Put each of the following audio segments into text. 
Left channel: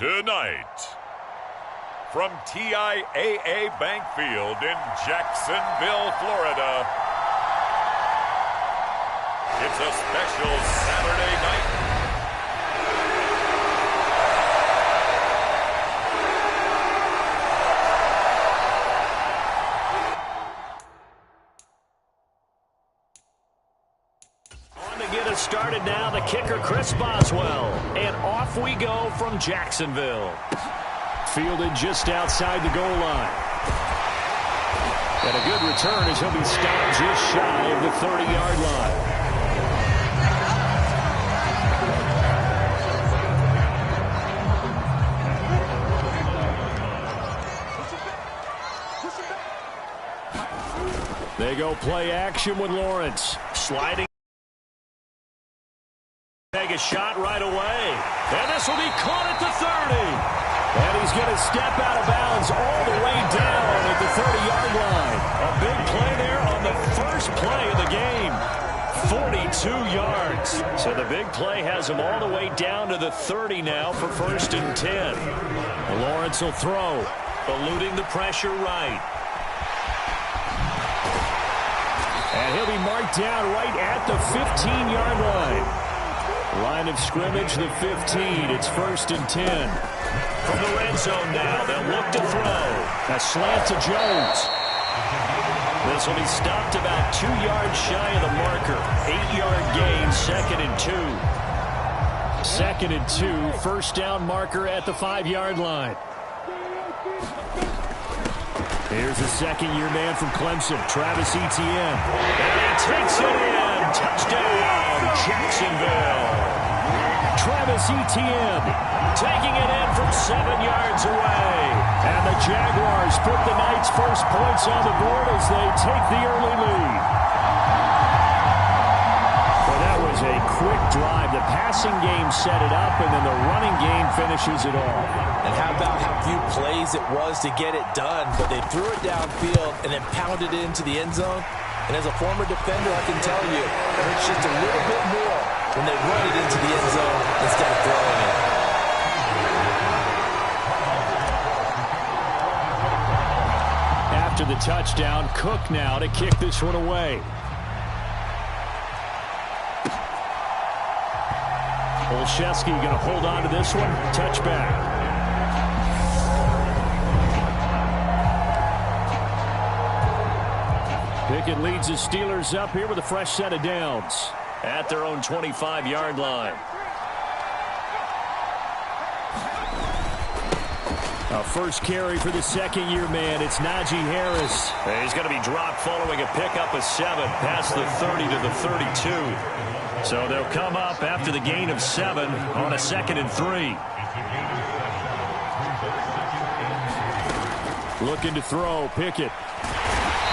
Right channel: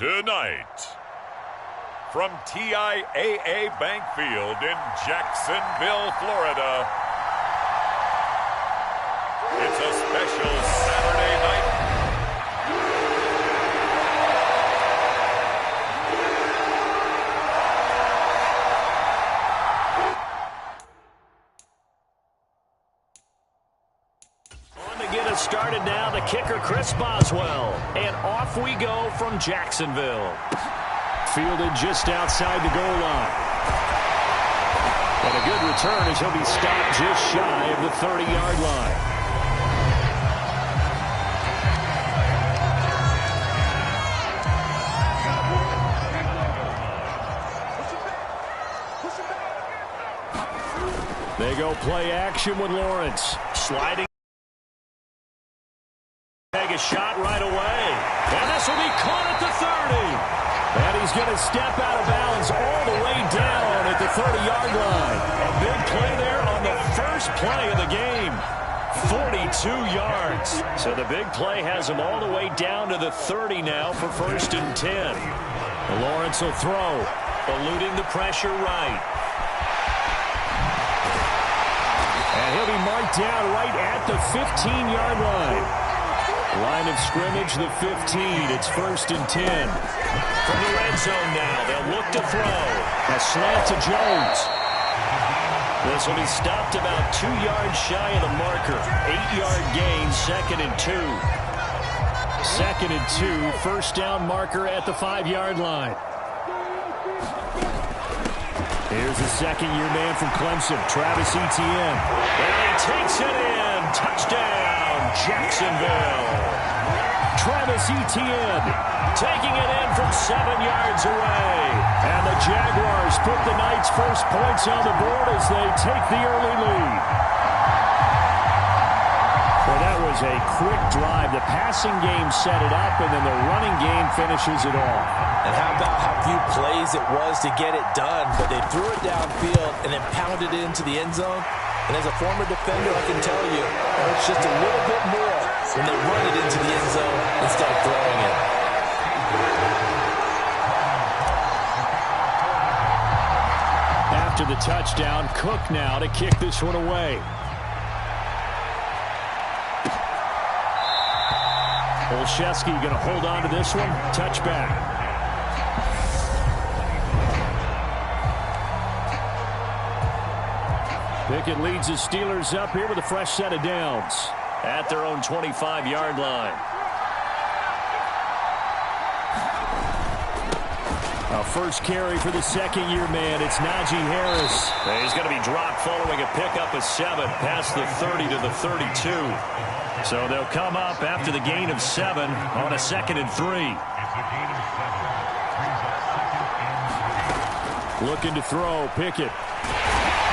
Tonight, from TIAA Bank Field in Jacksonville, Florida, it's a special Saturday night. On to get us started now, the kicker, Chris Boswell. And off we go from Jacksonville. Fielded just outside the goal line. And a good return as he'll be stopped just shy of the 30-yard line. They go play action with Lawrence. Sliding. Take a shot right away. And this will be caught at the 30. And he's going to step out of bounds all the way down at the 30-yard line. A big play there on the first play of the game. 42 yards. So the big play has him all the way down to the 30 now for 1st and 10. And Lawrence will throw, eluding the pressure right. And he'll be marked down right at the 15-yard line. Line of scrimmage, the 15. It's 1st and 10. From the red zone now, they'll look to throw. A slant to Jones. This will be stopped about 2 yards shy of the marker. 8-yard gain, 2nd and 2. 2nd and 2, first down marker at the 5-yard line. Here's the second-year man from Clemson, Travis Etienne. And he takes it in. Touchdown, Jacksonville. Travis Etienne taking it in from 7 yards away. And the Jaguars put the night's first points on the board as they take the early lead. Well, that was a quick drive. The passing game set it up, and then the running game finishes it off. And how about how few plays it was to get it done, but they threw it downfield and then pounded it into the end zone. And as a former defender, I can tell you, it hurts just a little bit more when they run it into the end zone instead of throwing it. After the touchdown, Cook now to kick this one away. Olszewski going to hold on to this one. Touchback. Pickett leads the Steelers up here with a fresh set of downs at their own 25-yard line. A first carry for the second-year man. It's Najee Harris. He's going to be dropped following a pickup of 7 past the 30 to the 32. So they'll come up after the gain of 7 on a 2nd and 3. Looking to throw, Pickett.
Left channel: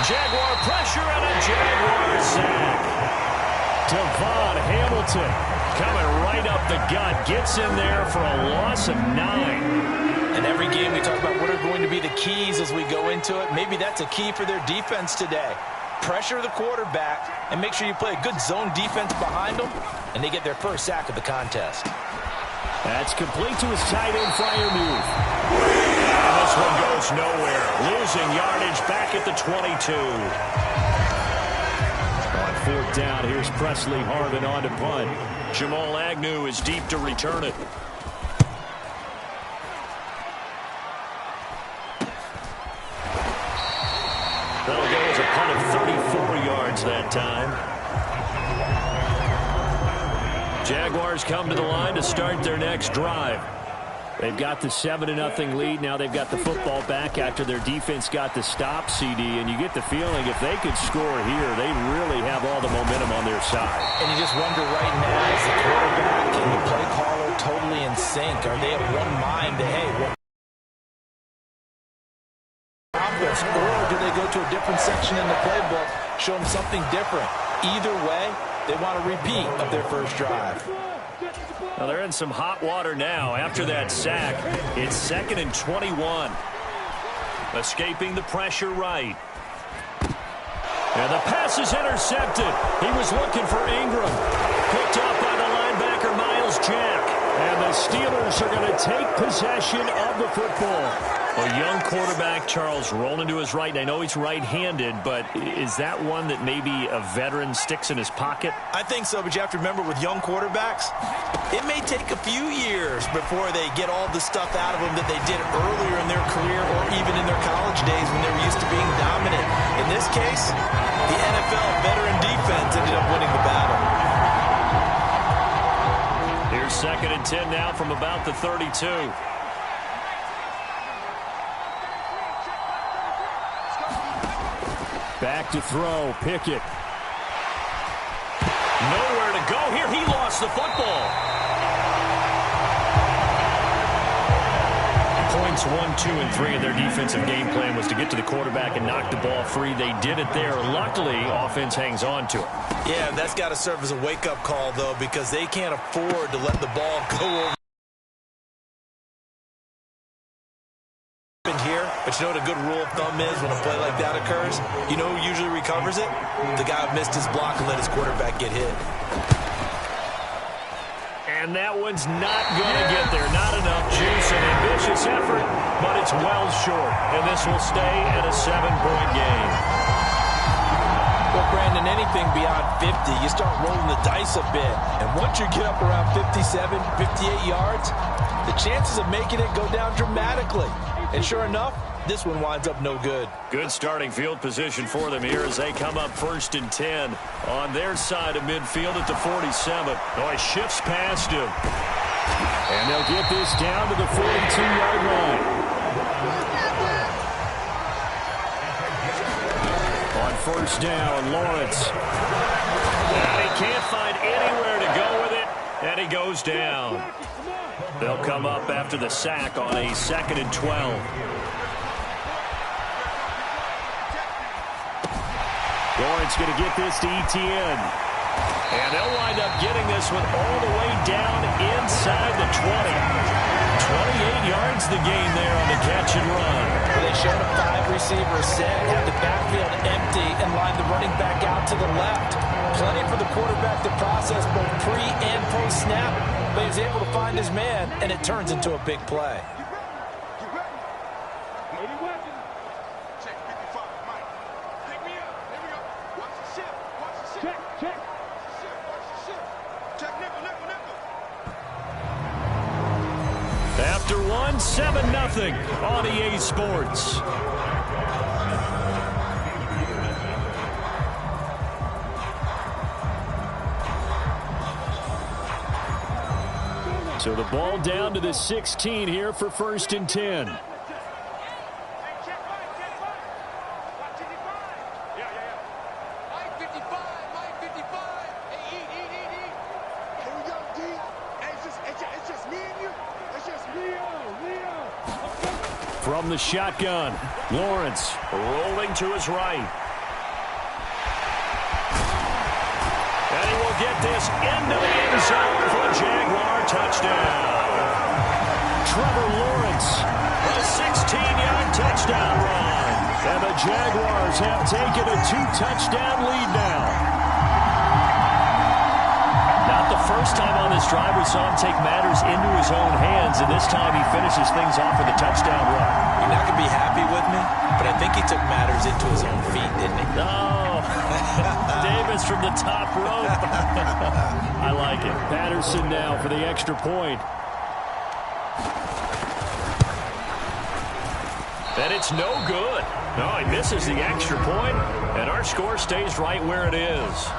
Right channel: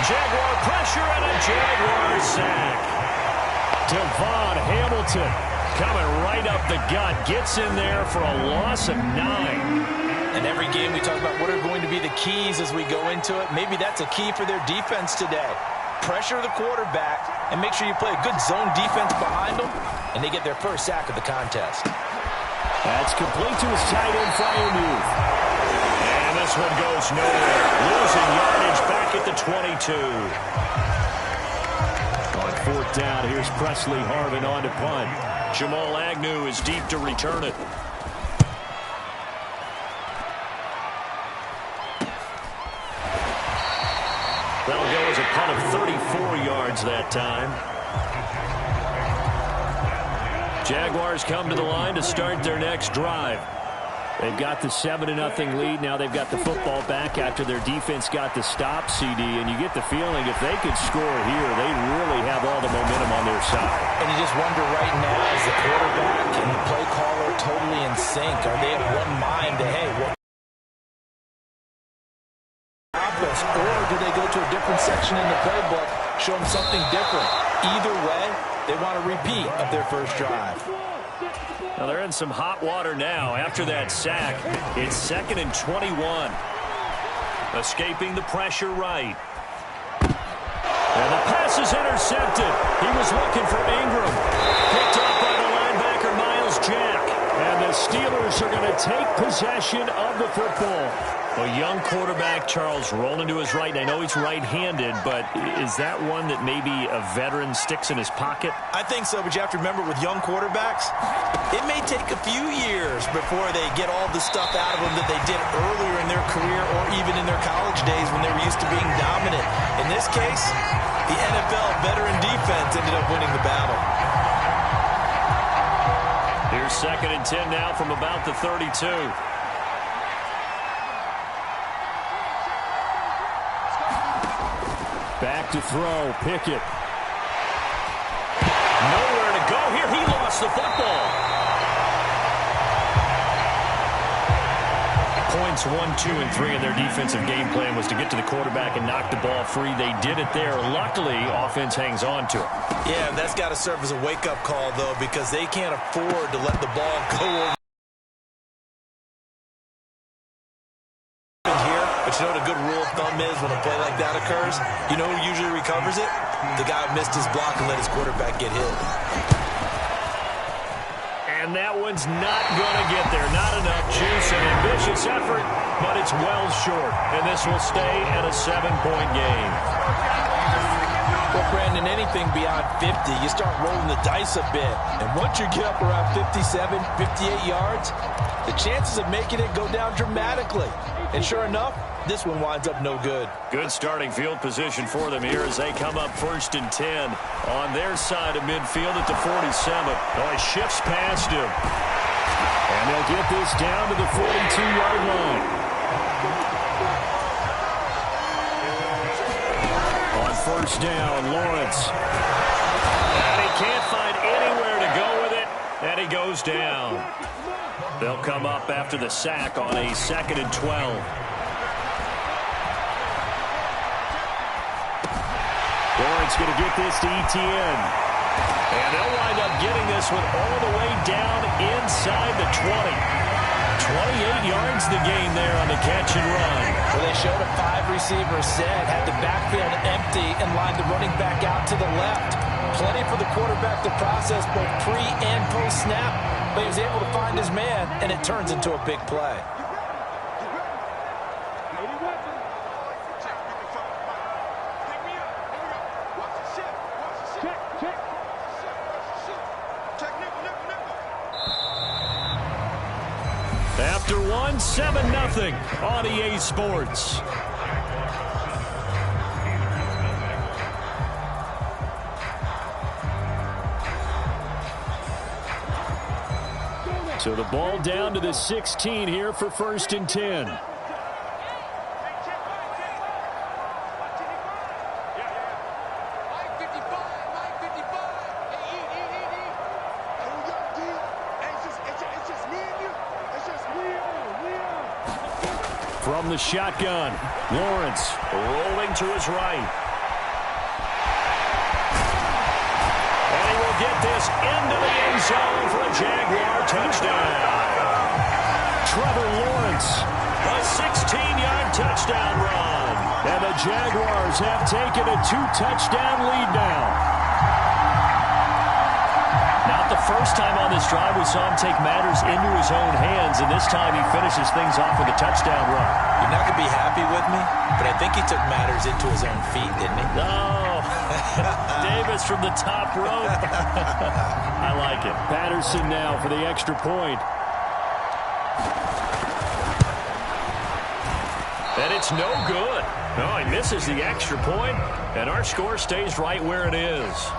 Jaguar pressure and a Jaguar sack. Devon Hamilton coming right up the gut. Gets in there for a loss of 9. And every game we talk about what are going to be the keys as we go into it. Maybe that's a key for their defense today. Pressure the quarterback and make sure you play a good zone defense behind them, and they get their first sack of the contest. That's complete to his tight end Freiermuth. And this one goes nowhere. Losing yardage back at the 22. On 4th down, here's Presley Harvin on to punt. Jamal Agnew is deep to return it. That'll go as a punt of 34 yards that time. Jaguars come to the line to start their next drive. They've got the 7-0 lead. Now they've got the football back after their defense got the stop, CD. And you get the feeling if they could score here, they really have all the momentum on their side. And you just wonder right now, is the quarterback and the play caller totally in sync? Are they of one mind that, hey, what? Or do they go to a different section in the playbook, show them something different? Either way, they want a repeat of their first drive. Well, they're in some hot water now after that sack. It's 2nd and 21. Escaping the pressure right. And the pass is intercepted. He was looking for Ingram. Picked up by the linebacker, Miles Jack. And the Steelers are going to take possession of the football. A young quarterback, Charles, rolling to his right. I know he's right-handed, but is that one that maybe a veteran sticks in his pocket? I think so, but you have to remember with young quarterbacks, it may take a few years before they get all the stuff out of them that they did earlier in their career or even in their college days when they were used to being dominant. In this case, the NFL veteran defense ended up winning the battle. Here's 2nd and 10 now from about the 32. Back to throw, Pickett. Nowhere to go here. He lost the football. Points 1, 2, and 3 in their defensive game plan was to get to the quarterback and knock the ball free. They did it there. Luckily, offense hangs on to it. Yeah, that's got to serve as a wake-up call, though, because they can't afford to let the ball go over. But you know what a good rule of thumb is when a play like that occurs? You know who usually recovers it? The guy who missed his block and let his quarterback get hit. And that one's not going to get there. Not enough juice, an ambitious effort, but it's well short. And this will stay at a 7-point game. Well, Brandon, anything beyond 50, you start rolling the dice a bit. And once you get up around 57, 58 yards, the chances of making it go down dramatically. And sure enough, this one winds up no good. Good starting field position for them here as they come up 1st and 10 on their side of midfield at the 47. Oh, he shifts past him. And they'll get this down to the 42-yard line. On 1st down, Lawrence. And he can't find anywhere to go with it, and he goes down. They'll come up after the sack on a 2nd and 12. Lawrence going to get this to Etienne. And they'll wind up getting this one all the way down inside the 20. 28 yards the gain there on the catch and run. Well, they showed a 5-receiver set, had the backfield empty, and lined the running back out to the left. Plenty for the quarterback to process both pre- and post-snap, but he was able to find his man, and it turns into a big play. After one, 7-0 on EA Sports. So the ball down to the 16 here for 1st and 10. From the shotgun, Lawrence rolling to his right. And he will get this into the end zone for a Jaguar touchdown. Trevor Lawrence, a 16-yard touchdown run. And the Jaguars have taken a 2-touchdown lead now. Not the first time on this drive we saw him take matters into his own hands, and this time he finishes things off with a touchdown run. You're not going to be happy with me, but I think he took matters into his own feet, didn't he? Oh, Davis from the top rope. I like it. Patterson now for the extra point. And it's no good. No, he misses the extra point, and our score stays right where it is.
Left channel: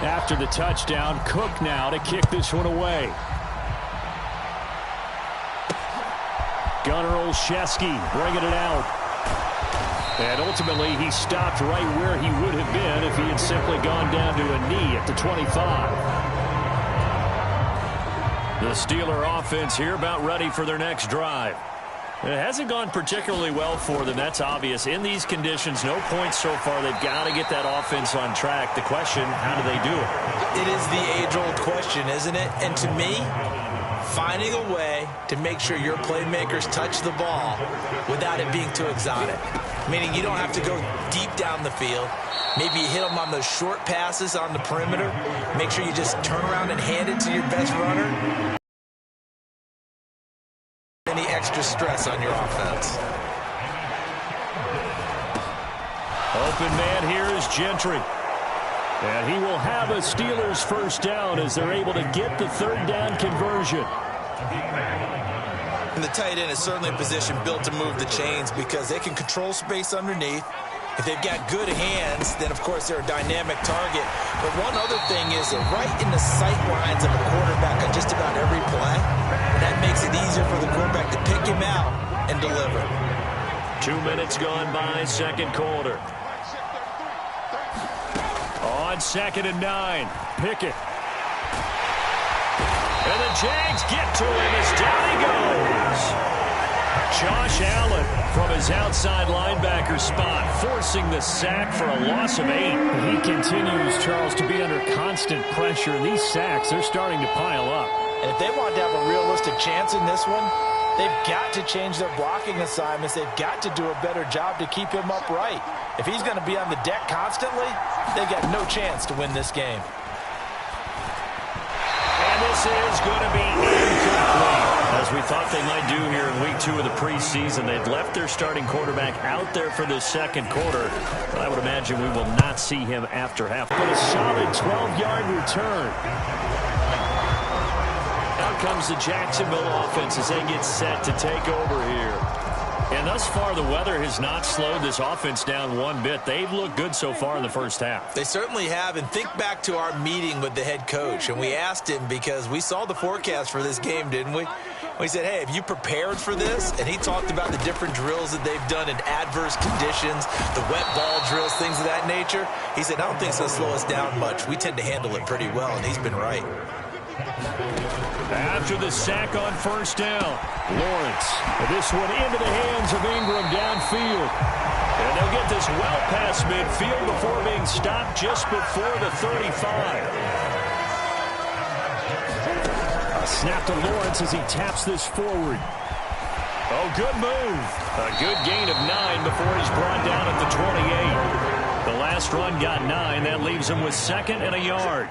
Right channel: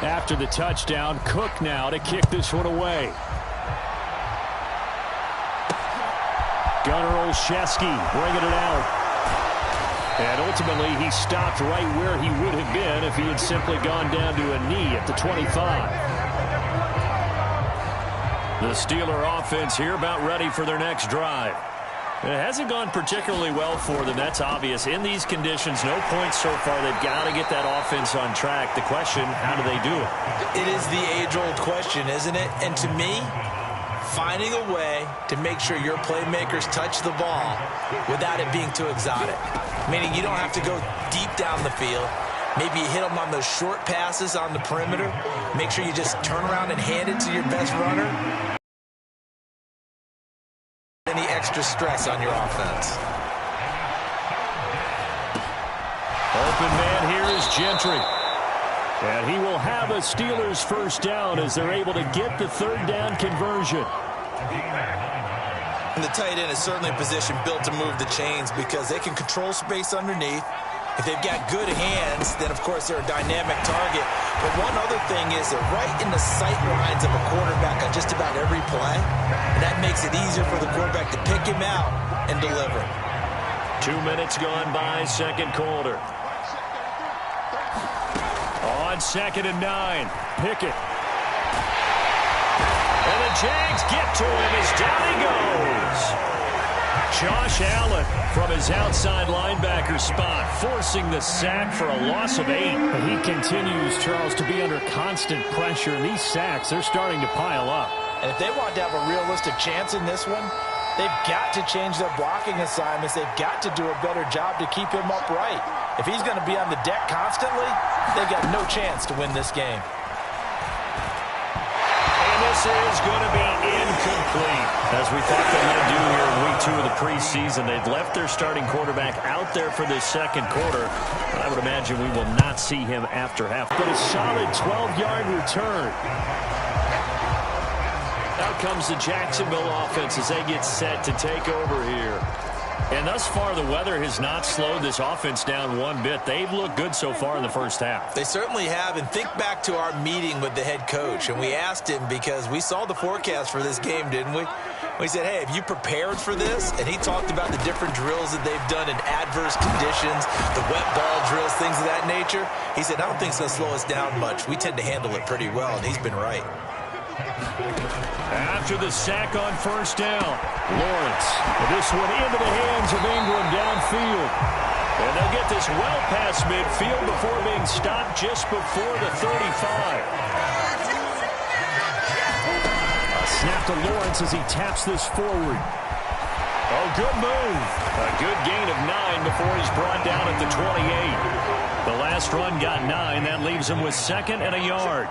After the touchdown, Cook now to kick this one away. Gunnar Olszewski bringing it out. And ultimately, he stopped right where he would have been if he had simply gone down to a knee at the 25. The Steeler offense here about ready for their next drive. It hasn't gone particularly well for them. That's obvious. In these conditions, no points so far. They've got to get that offense on track. The question, how do they do it? It is the age-old question, isn't it? And to me, finding a way to make sure your playmakers touch the ball without it being too exotic. Meaning you don't have to go deep down the field. Maybe you hit them on those short passes on the perimeter. Make sure you just turn around and hand it to your best runner. Any extra stress on your offense. Open man here is Gentry. And he will have a Steelers first down as they're able to get the third down conversion. And the tight end is certainly a position built to move the chains because they can control space underneath. If they've got good hands, then of course they're a dynamic target. But one other thing is they're right in the sight lines of a quarterback on just about every play. And that makes it easier for the quarterback to pick him out and deliver. 2 minutes gone by, second quarter. On 2nd and 9, Pickett. And the Jags get to him as down he goes. Josh Allen from his outside linebacker spot, forcing the sack for a loss of 8. He continues, Charles, to be under constant pressure, and these sacks, they're starting to pile up. And if they want to have a realistic chance in this one, they've got to change their blocking assignments. They've got to do a better job to keep him upright. If he's going to be on the deck constantly, they've got no chance to win this game. And this is going to be incomplete. As we thought they might do here in week 2 of the preseason, they've left their starting quarterback out there for this second quarter. But I would imagine we will not see him after half. But a solid 12-yard return. Out comes the Jacksonville offense as they get set to take over here. And thus far, the weather has not slowed this offense down one bit. They've looked good so far in the first half. They certainly have. And think back to our meeting with the head coach. And we asked him because we saw the forecast for this game, didn't we? We said, hey, have you prepared for this? And he talked about the different drills that they've done in adverse conditions, the wet ball drills, things of that nature. He said, I don't think it's going to slow us down much. We tend to handle it pretty well, and he's been right. After the sack on first down, Lawrence. This one into the hands of Ingram downfield. And they'll get this well past midfield before being stopped just before the 35. A snap to Lawrence as he taps this forward. Oh, good move. A good gain of 9 before he's brought down at the 28. The last run got 9. That leaves him with 2nd and a yard.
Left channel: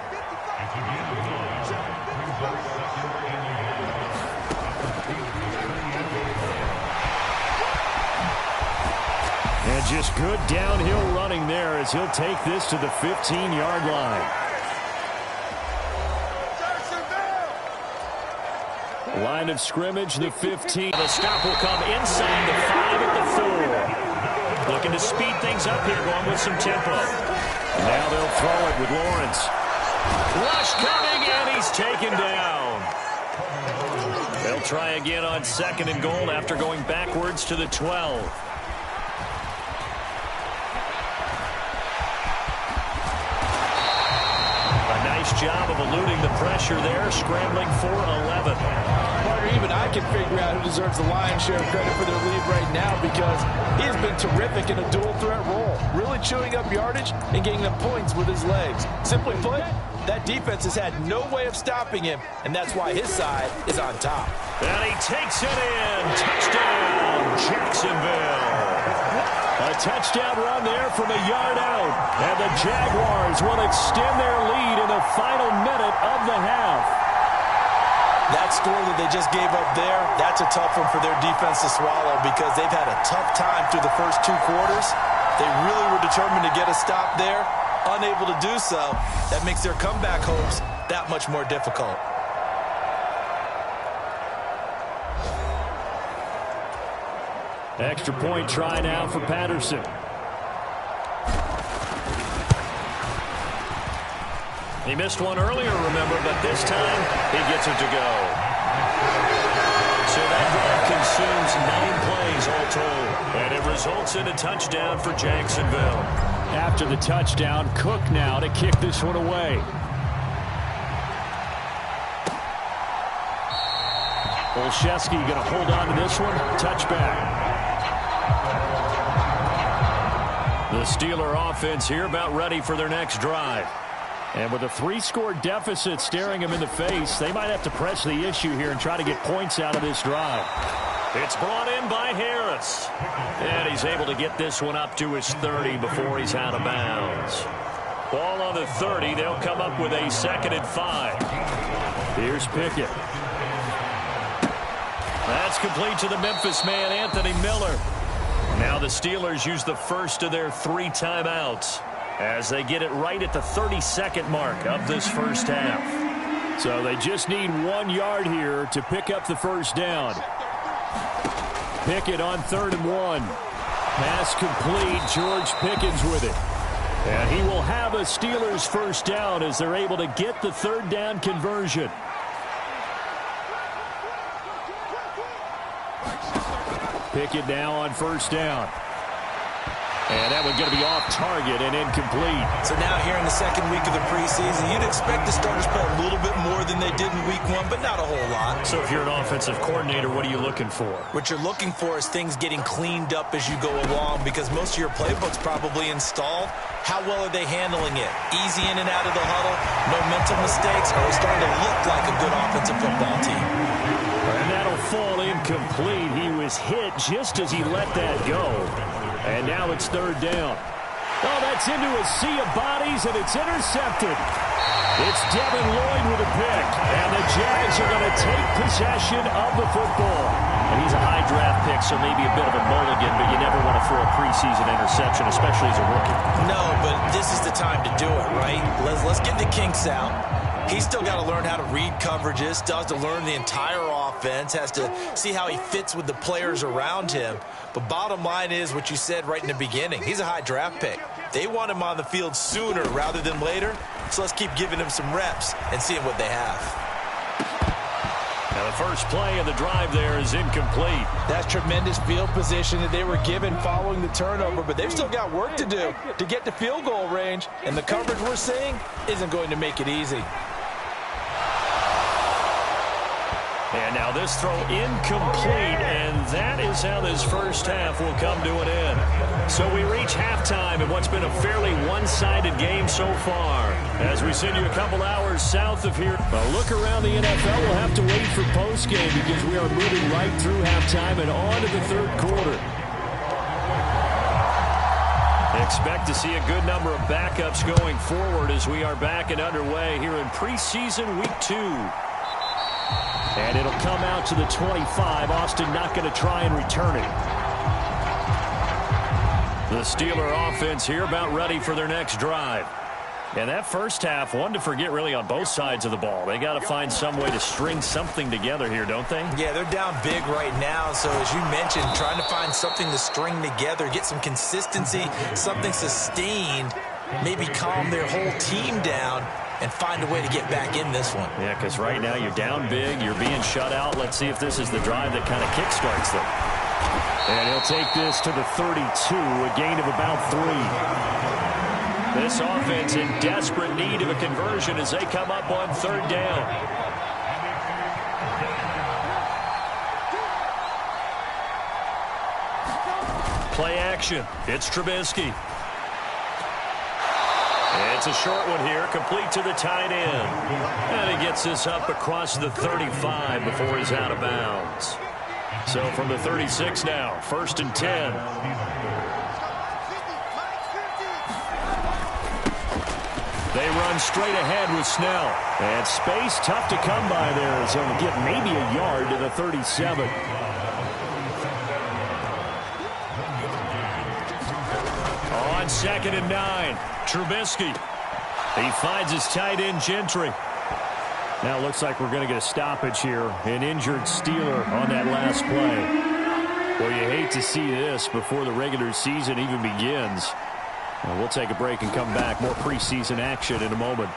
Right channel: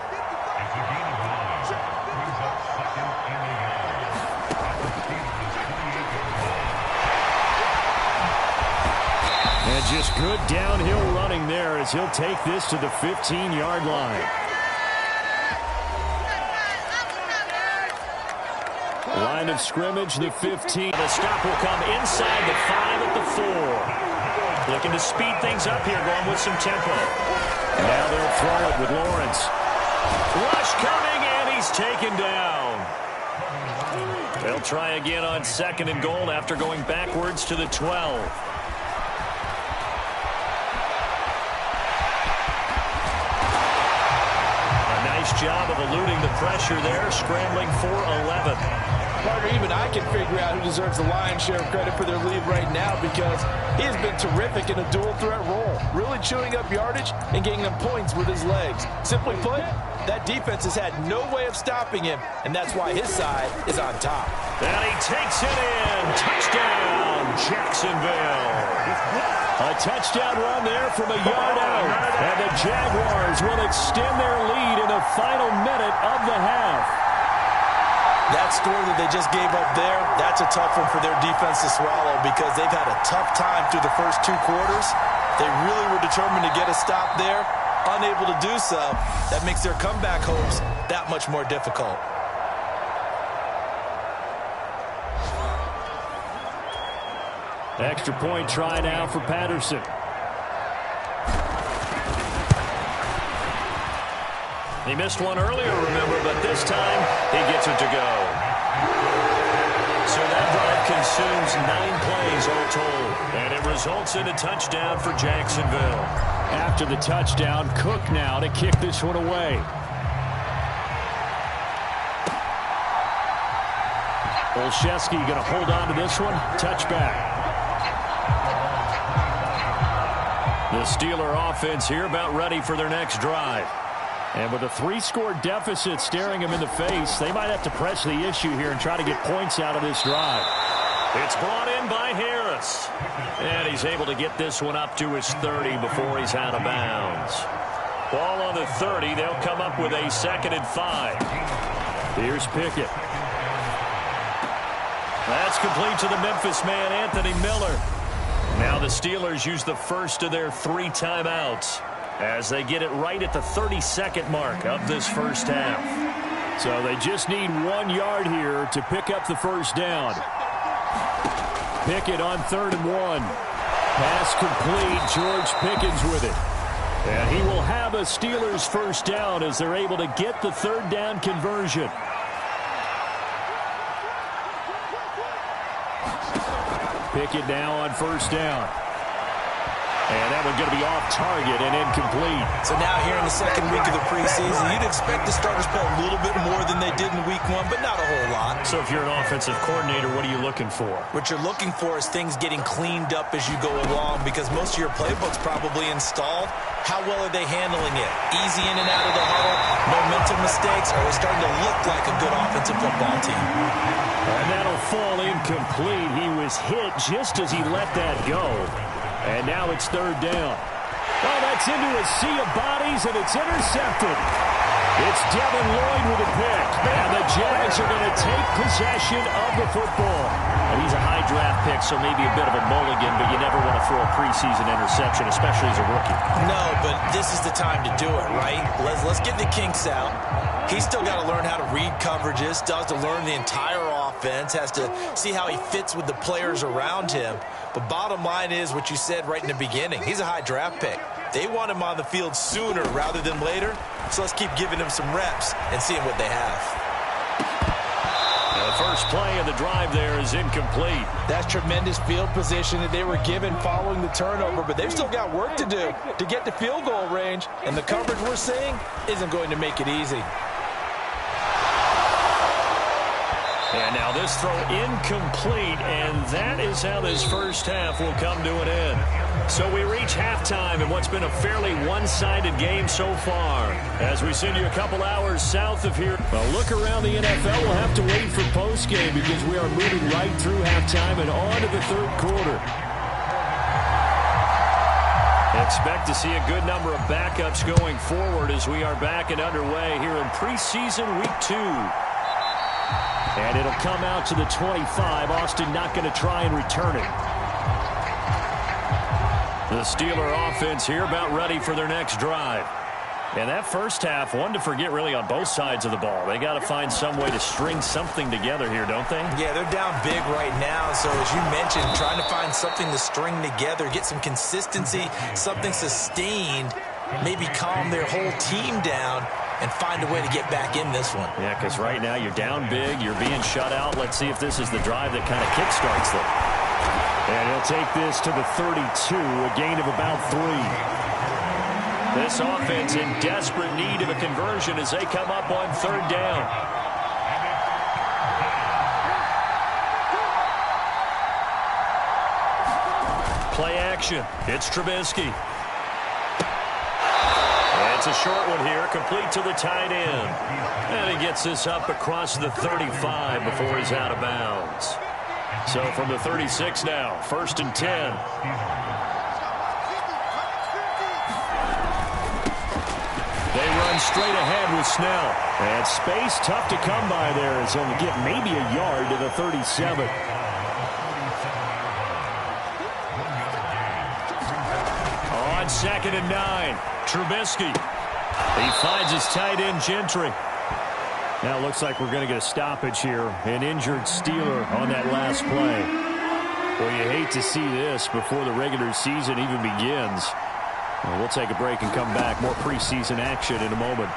And just good downhill running there as he'll take this to the 15-yard line. Line of scrimmage, the 15. The stop will come inside the 5 at the 4. Looking to speed things up here, going with some tempo. And now they'll throw it with Lawrence. Rush coming, and he's taken down. They'll try again on 2nd and goal after going backwards to the 12. Nice job of eluding the pressure there, scrambling for 11. Partner, even I can figure out who deserves the lion's share of credit for their lead right now because he has been terrific in a dual threat role, really chewing up yardage and getting them points with his legs. Simply put, that defense has had no way of stopping him, and that's why his side is on top. And he takes it in. Touchdown, Jacksonville. A touchdown run there from a yard out. And the Jaguars will extend their lead in the final minute of the half. That score that they just gave up there, that's a tough one for their defense to swallow because they've had a tough time through the first 2 quarters. They really were determined to get a stop there. Unable to do so. That makes their comeback hopes that much more difficult. Extra point try now for Patterson. He missed one earlier, remember, but this time he gets it to go. So that drive consumes 9 plays all told, and it results in a touchdown for Jacksonville. After the touchdown, Cook now to kick this one away. Olszewski going to hold on to this one. Touchback. The Steeler offense here about ready for their next drive. And with a 3-score deficit staring him in the face, they might have to press the issue here and try to get points out of this drive. It's brought in by Harris. And he's able to get this one up to his 30 before he's out of bounds. Ball on the 30. They'll come up with a 2nd and 5. Here's Pickett. That's complete to the Memphis man, Anthony Miller. Now the Steelers use the first of their 3 timeouts as they get it right at the 32nd mark of this first half. So they just need 1 yard here to pick up the first down. Pickett on 3rd and 1. Pass complete. George Pickens with it. And he will have a Steelers first down as they're able to get the 3rd down conversion. Pickett now on 1st down. And that one's going to be off target and incomplete. So now here in the 2nd week of the preseason, you'd expect the starters play a little bit more than they did in week 1, but not a whole lot. So if you're an offensive coordinator, what are you looking for? What you're looking for is things getting cleaned up as you go along, because most of your playbook's probably installed. How well are they handling it? Easy in and out of the huddle, no mental mistakes, or are they starting to look like a good offensive football team? And that'll fall incomplete. He was hit just as he let that go. And now it's 3rd down. Oh, that's into a sea of bodies, and it's intercepted. It's Devin Lloyd with a pick. And the Jags are going to take possession of the football. And he's a high draft pick, so maybe a bit of a mulligan, but you never want to throw a preseason interception, especially as a rookie. No, but this is the time to do it, right? Let's get the kinks out. He's still got to learn how to read coverages, still has to learn the entire offense, has to see how he fits with the players around him. But bottom line is what you said right in the beginning. He's a high draft pick. They want him on the field sooner rather than later, so let's keep giving him some reps and seeing what they have. Now the first play of the drive there is incomplete. That's tremendous field position that they were given following the turnover, but they've still got work to do to get to field goal range, and the coverage we're seeing isn't going to make it easy. And now this throw incomplete, and that is how this first half will come to an end. So we reach halftime in what's been a fairly one-sided game so far. As we send you a couple hours south of here, a look around the NFL, we'll have to wait for postgame because we are moving right through halftime and on to the 3rd quarter. Expect to see a good number of backups going forward as we are back and underway here in preseason week 2. And it'll come out to the 25. Austin not going to try and return it. The Steeler offense here about ready for their next drive. And that first half, one to forget really on both sides of the ball. They got to find some way to string something together here, don't they? Yeah, they're down big right now. So as you mentioned, trying to find something to string together, get some consistency, something sustained, maybe calm their whole team down and find a way to get back in this one. Yeah, because right now you're down big, you're being shut out. Let's see if this is the drive that kind of kickstarts them. And he'll take this to the 32, a gain of about 3. This offense in desperate need of a conversion as they come up on 3rd down. Play action. It's Trubisky. It's a short one here, complete to the tight end. And he gets this up across the 35 before he's out of bounds. So from the 36 now, 1st and 10. They run straight ahead with Snell. And space tough to come by there as he'll get maybe a yard to the 37. On 2nd and 9. Trubisky. He finds his tight end, Gentry. Now it looks like we're going to get a stoppage here. An injured Steeler on that last play. Well, you hate to see this before the regular season even begins. Well, we'll take a break and come back. More preseason action in a moment.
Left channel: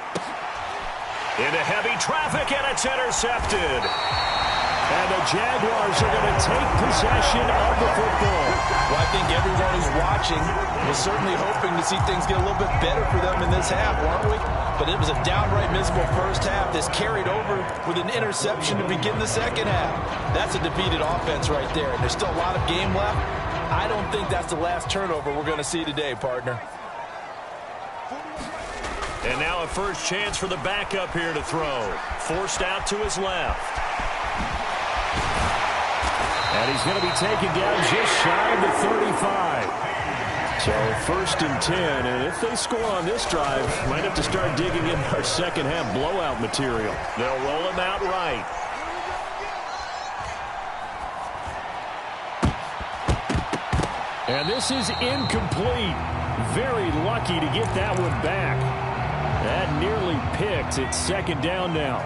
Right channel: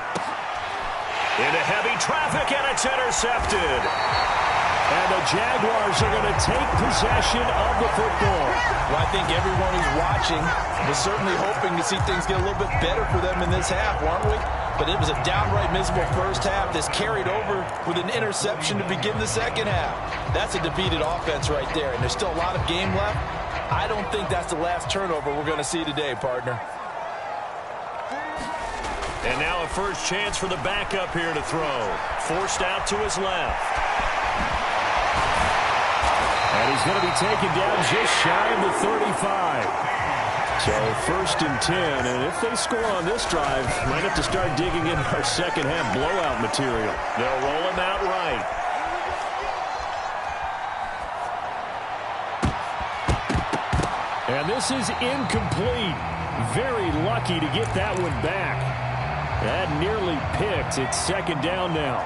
Into heavy traffic, and it's intercepted. And the Jaguars are going to take possession of the football. Well, I think everyone who's watching was certainly hoping to see things get a little bit better for them in this half, weren't we? But it was a downright miserable first half. This carried over with an interception to begin the second half. That's a defeated offense right there, and there's still a lot of game left. I don't think that's the last turnover we're going to see today, partner. And now a first chance for the backup here to throw. Forced out to his left. And he's going to be taken down just shy of the 35. So 1st and 10, and if they score on this drive, might have to start digging in our second half blowout material. They'll roll him out right. And this is incomplete. Very lucky to get that one back. That nearly picked. It's 2nd down now.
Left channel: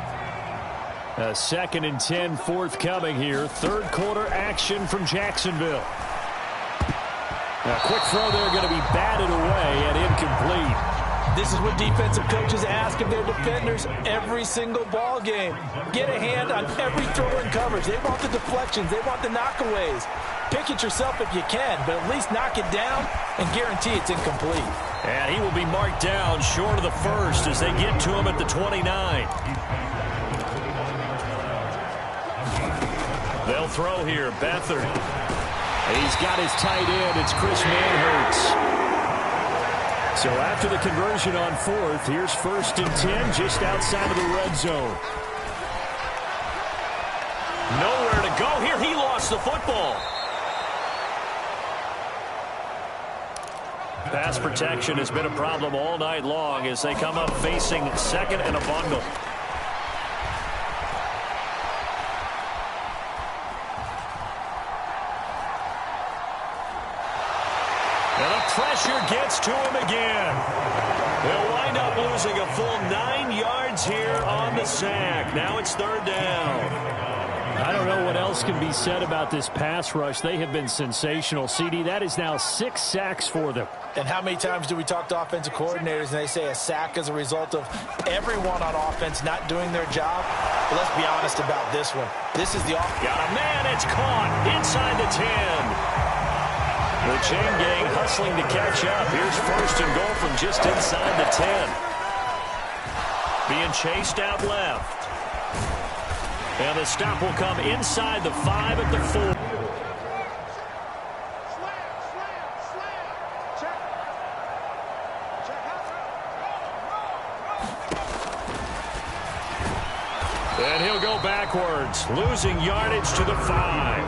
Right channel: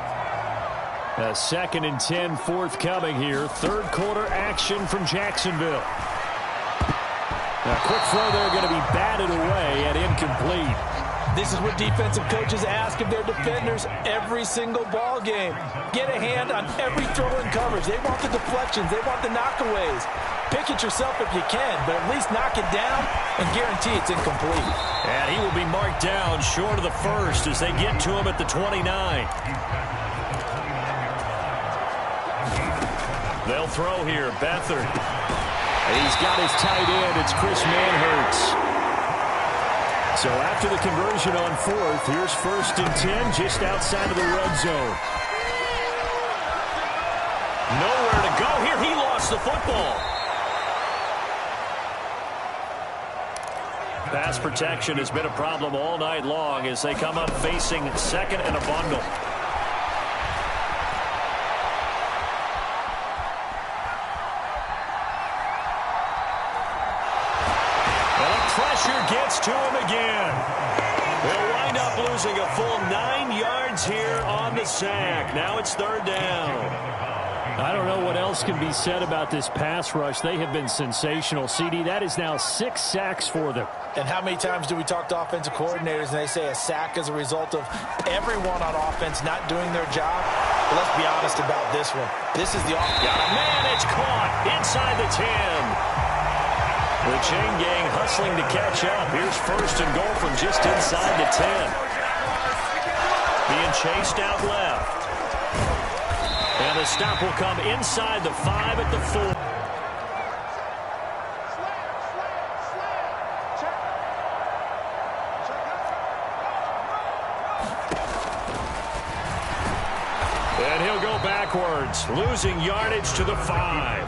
A 2nd and 10 forthcoming here. 3rd quarter action from Jacksonville. A quick throw there going to be batted away and incomplete. This is what defensive coaches ask of their defenders every single ball game. Get a hand on every throw in coverage. They want the deflections. They want the knockaways. Pick it yourself if you can, but at least knock it down and guarantee it's incomplete. And he will be marked down short of the 1st as they get to him at the 29. They'll throw here. Beathard. He's got his tight end. It's Chris Manhertz. So after the conversion on 4th, here's 1st and 10 just outside of the red zone. Nowhere to go here. He lost the football. Pass protection has been a problem all night long as they come up facing 2nd and a bundle. And the pressure gets to him again. They'll wind up losing a full 9 yards here on the sack. Now it's 3rd down. I don't know what else can be said about this pass rush. They have been sensational. CD, that is now 6 sacks for them. And how many times do we talk to offensive coordinators and they say a sack is a result of everyone on offense not doing their job? But let's be honest about this one. This is the offense. Got a man. It's caught inside the 10. The chain gang hustling to catch up. Here's 1st and goal from just inside the 10. Being chased out left. And the stop will come inside the 5 at the 4. And he'll go backwards, losing yardage to the 5.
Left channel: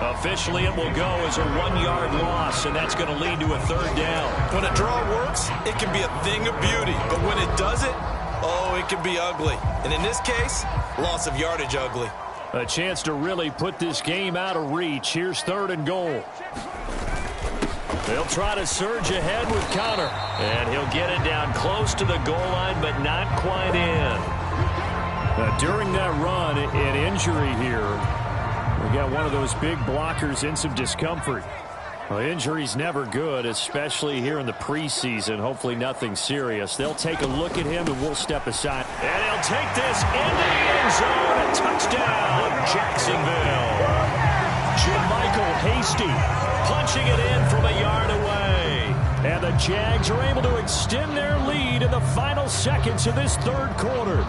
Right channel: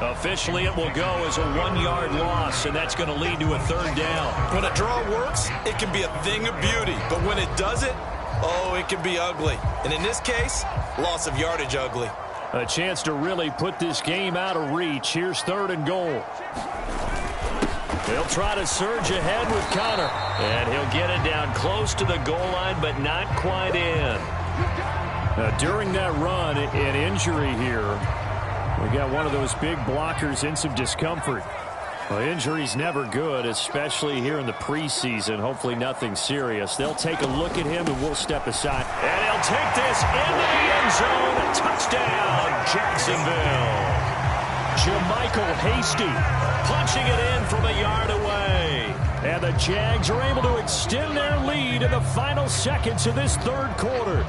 Officially, it will go as a 1-yard loss, and that's going to lead to a 3rd down. When a draw works, it can be a thing of beauty. But when it doesn't, oh, it can be ugly. And in this case, loss of yardage ugly. A chance to really put this game out of reach. Here's 3rd and goal. They'll try to surge ahead with Connor. And he'll get it down close to the goal line, but not quite in. During that run, an injury here. We got one of those big blockers in some discomfort. Well, injury's never good, especially here in the preseason. Hopefully nothing serious. They'll take a look at him, and we'll step aside. And he'll take this into the end zone. A touchdown, Jacksonville. Jermichael Hasty punching it in from a yard away. And the Jags are able to extend their lead in the final seconds of this 3rd quarter.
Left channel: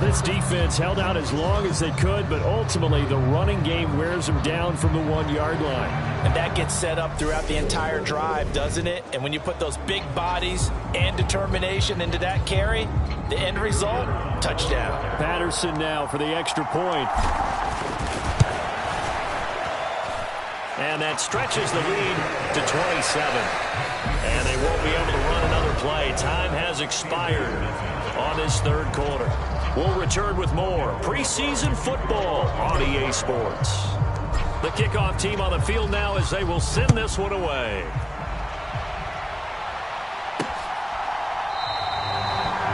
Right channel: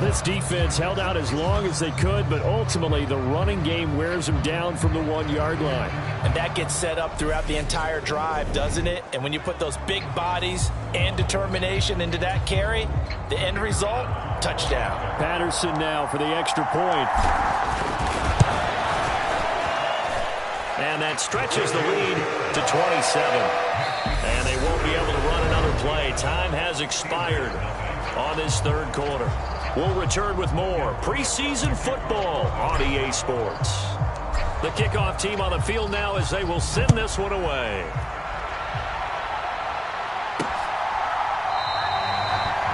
This defense held out as long as they could, but ultimately the running game wears them down from the 1-yard line. And that gets set up throughout the entire drive, doesn't it? And when you put those big bodies and determination into that carry, the end result, touchdown. Patterson now for the extra point. And that stretches the lead to 27. And they won't be able to run another play. Time has expired on this 3rd quarter. We'll return with more preseason football on EA Sports. The kickoff team on the field now as they will send this one away.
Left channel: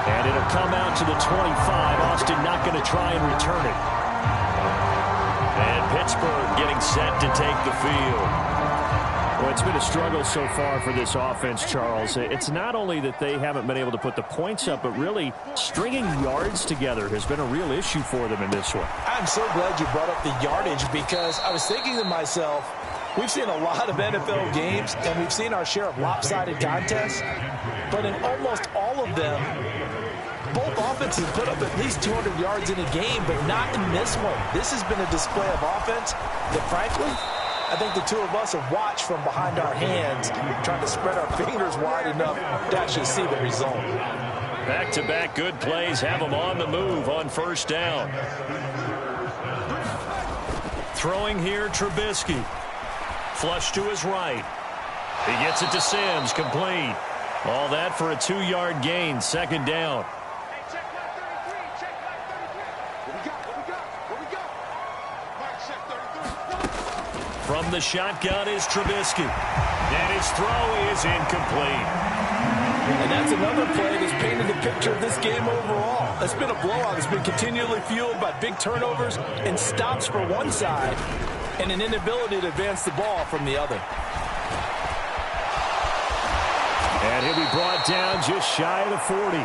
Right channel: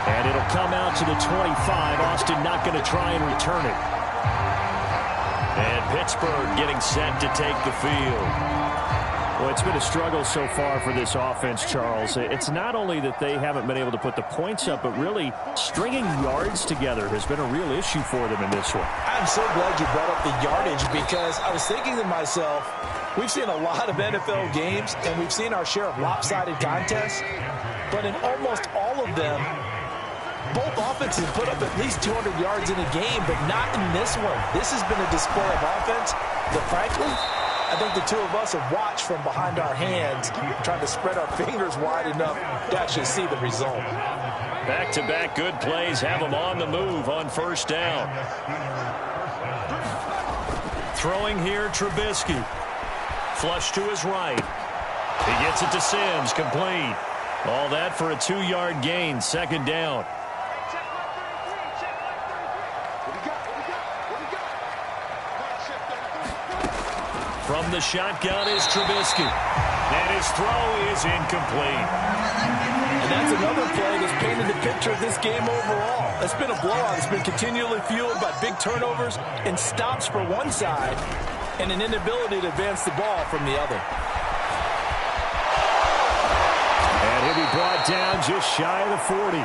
And it'll come out to the 25. Austin not going to try and return it. And Pittsburgh getting set to take the field. Well, it's been a struggle so far for this offense, Charles. It's not only that they haven't been able to put the points up, but really stringing yards together has been a real issue for them in this one. I'm so glad you brought up the yardage because I was thinking to myself, we've seen a lot of NFL games and we've seen our share of lopsided contests, but in almost all of them, both offenses put up at least 200 yards in a game, but not in this one. This has been a display of offense that, frankly, I think the two of us have watched from behind our hands, trying to spread our fingers wide enough to actually see the result. Back-to-back good plays have them on the move on first down. Throwing here, Trubisky. Flush to his right. He gets it to Sims, complete. All that for a 2-yard gain, second down. Check mark 33, check mark 33. What we got? Mark check 33. From the shotgun is Trubisky. And his throw is incomplete. And that's another play that's painted the picture of this game overall. It's been a blowout. It's been continually fueled by big turnovers and stops for one side and an inability to advance the ball from the other. And he'll be brought down just shy of the 40.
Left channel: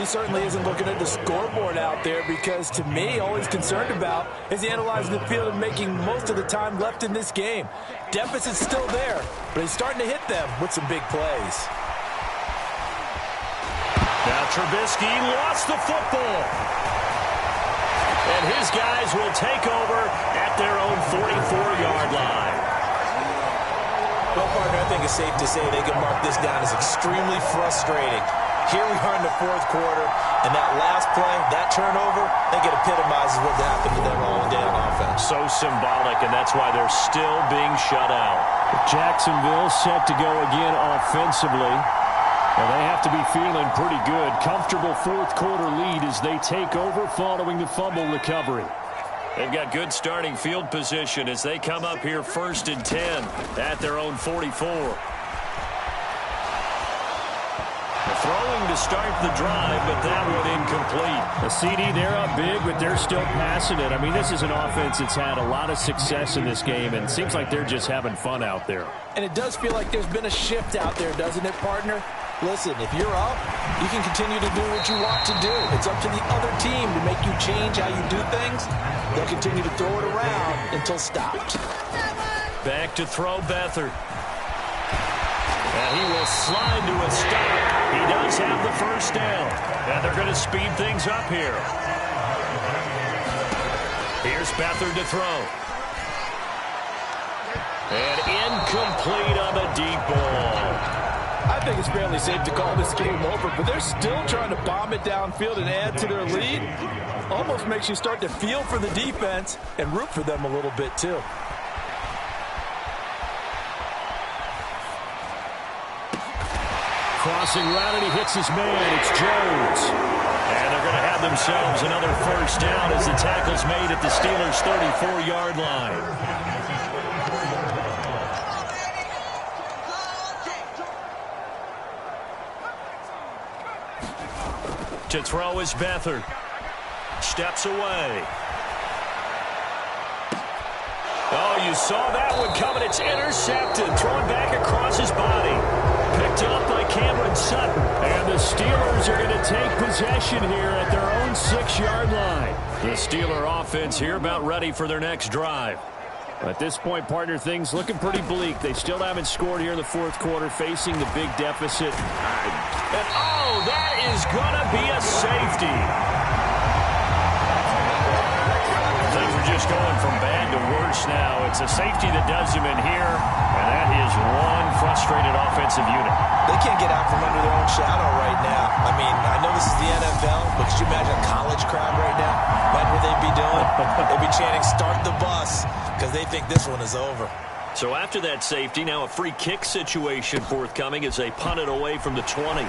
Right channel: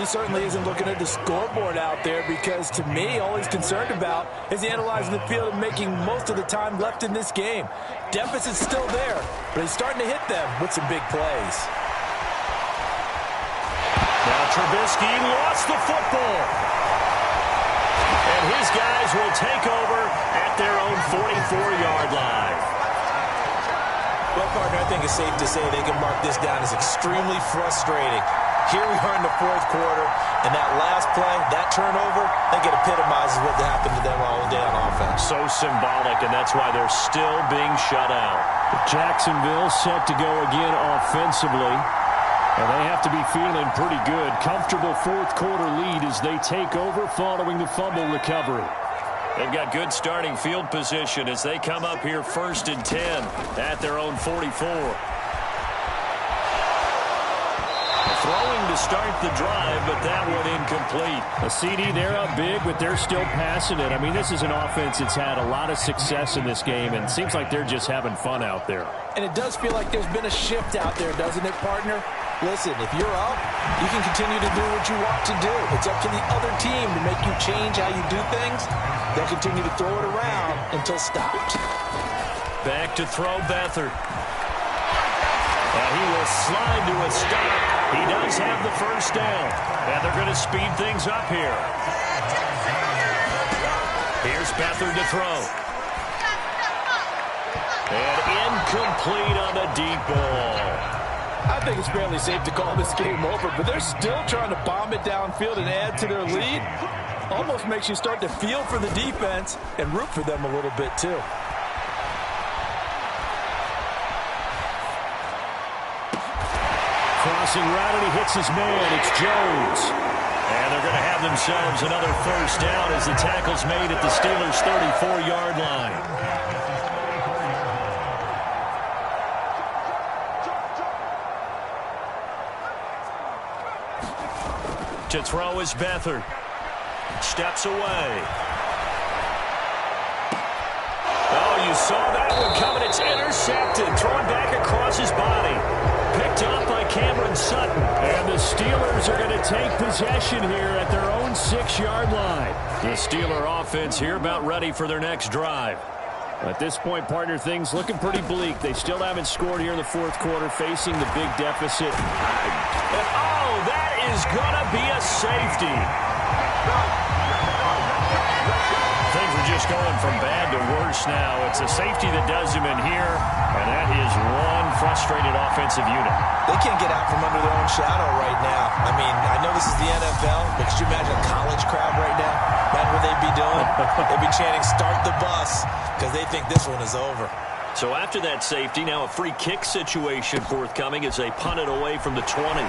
He certainly isn't looking at the scoreboard out there because, to me, all he's concerned about is analyzing the field and making most of the time left in this game. Deficit's still there, but he's starting to hit them with some big plays. Now Trubisky lost the football. And his guys will take over at their own 44-yard line. Well, partner, I think it's safe to say they can mark this down as extremely frustrating. Here we are in the fourth quarter, and that last play, that turnover, I think it epitomizes what happened to them all day on offense. So symbolic, and that's why they're still being shut out. Jacksonville set to go again offensively, and they have to be feeling pretty good. Comfortable fourth quarter lead as they take over following the fumble recovery. They've got good starting field position as they come up here 1st and 10 at their own 44. Throwing to start the drive, but that one incomplete. A CD, they're up big, but they're still passing it. I mean, this is an offense that's had a lot of success in this game, and it seems like they're just having fun out there. And it does feel like there's been a shift out there, doesn't it, partner? Listen, if you're up, you can continue to do what you want to do. It's up to the other team to make you change how you do things. They'll continue to throw it around until stopped. Back to throw Beathard. And he will slide to a stop. He does have the first down. And they're going to speed things up here. Here's Beathard to throw. And incomplete on the deep ball. I think it's fairly safe to call this game over, but they're still trying to bomb it downfield and add to their lead. Almost makes you start to feel for the defense and root for them a little bit, too. Crossing route, and he hits his man. It's Jones. And they're going to have themselves another first down as the tackle's made at the Steelers' 34-yard line. To throw is Beathard. Steps away. Oh, you saw that one coming. It's intercepted. Throwing back across his body. Picked up by Cameron Sutton. And the Steelers are going to take possession here at their own 6-yard line. The Steeler offense here about ready for their next drive. At this point, partner, things looking pretty bleak. They still haven't scored here in the fourth quarter, facing the big deficit. And, oh, that is going to be a safety. Things are just going from bad to worse now. It's a safety that does him in here, and that is one frustrated offensive unit. They can't get out from under their own shadow right now. I mean, I know this is the NFL, but could you imagine a college crowd right now? Imagine what they'd be doing. They'd be chanting, "Start the bus," because they think this one is over. So after that safety, now a free kick situation forthcoming as they punt it away from the 20.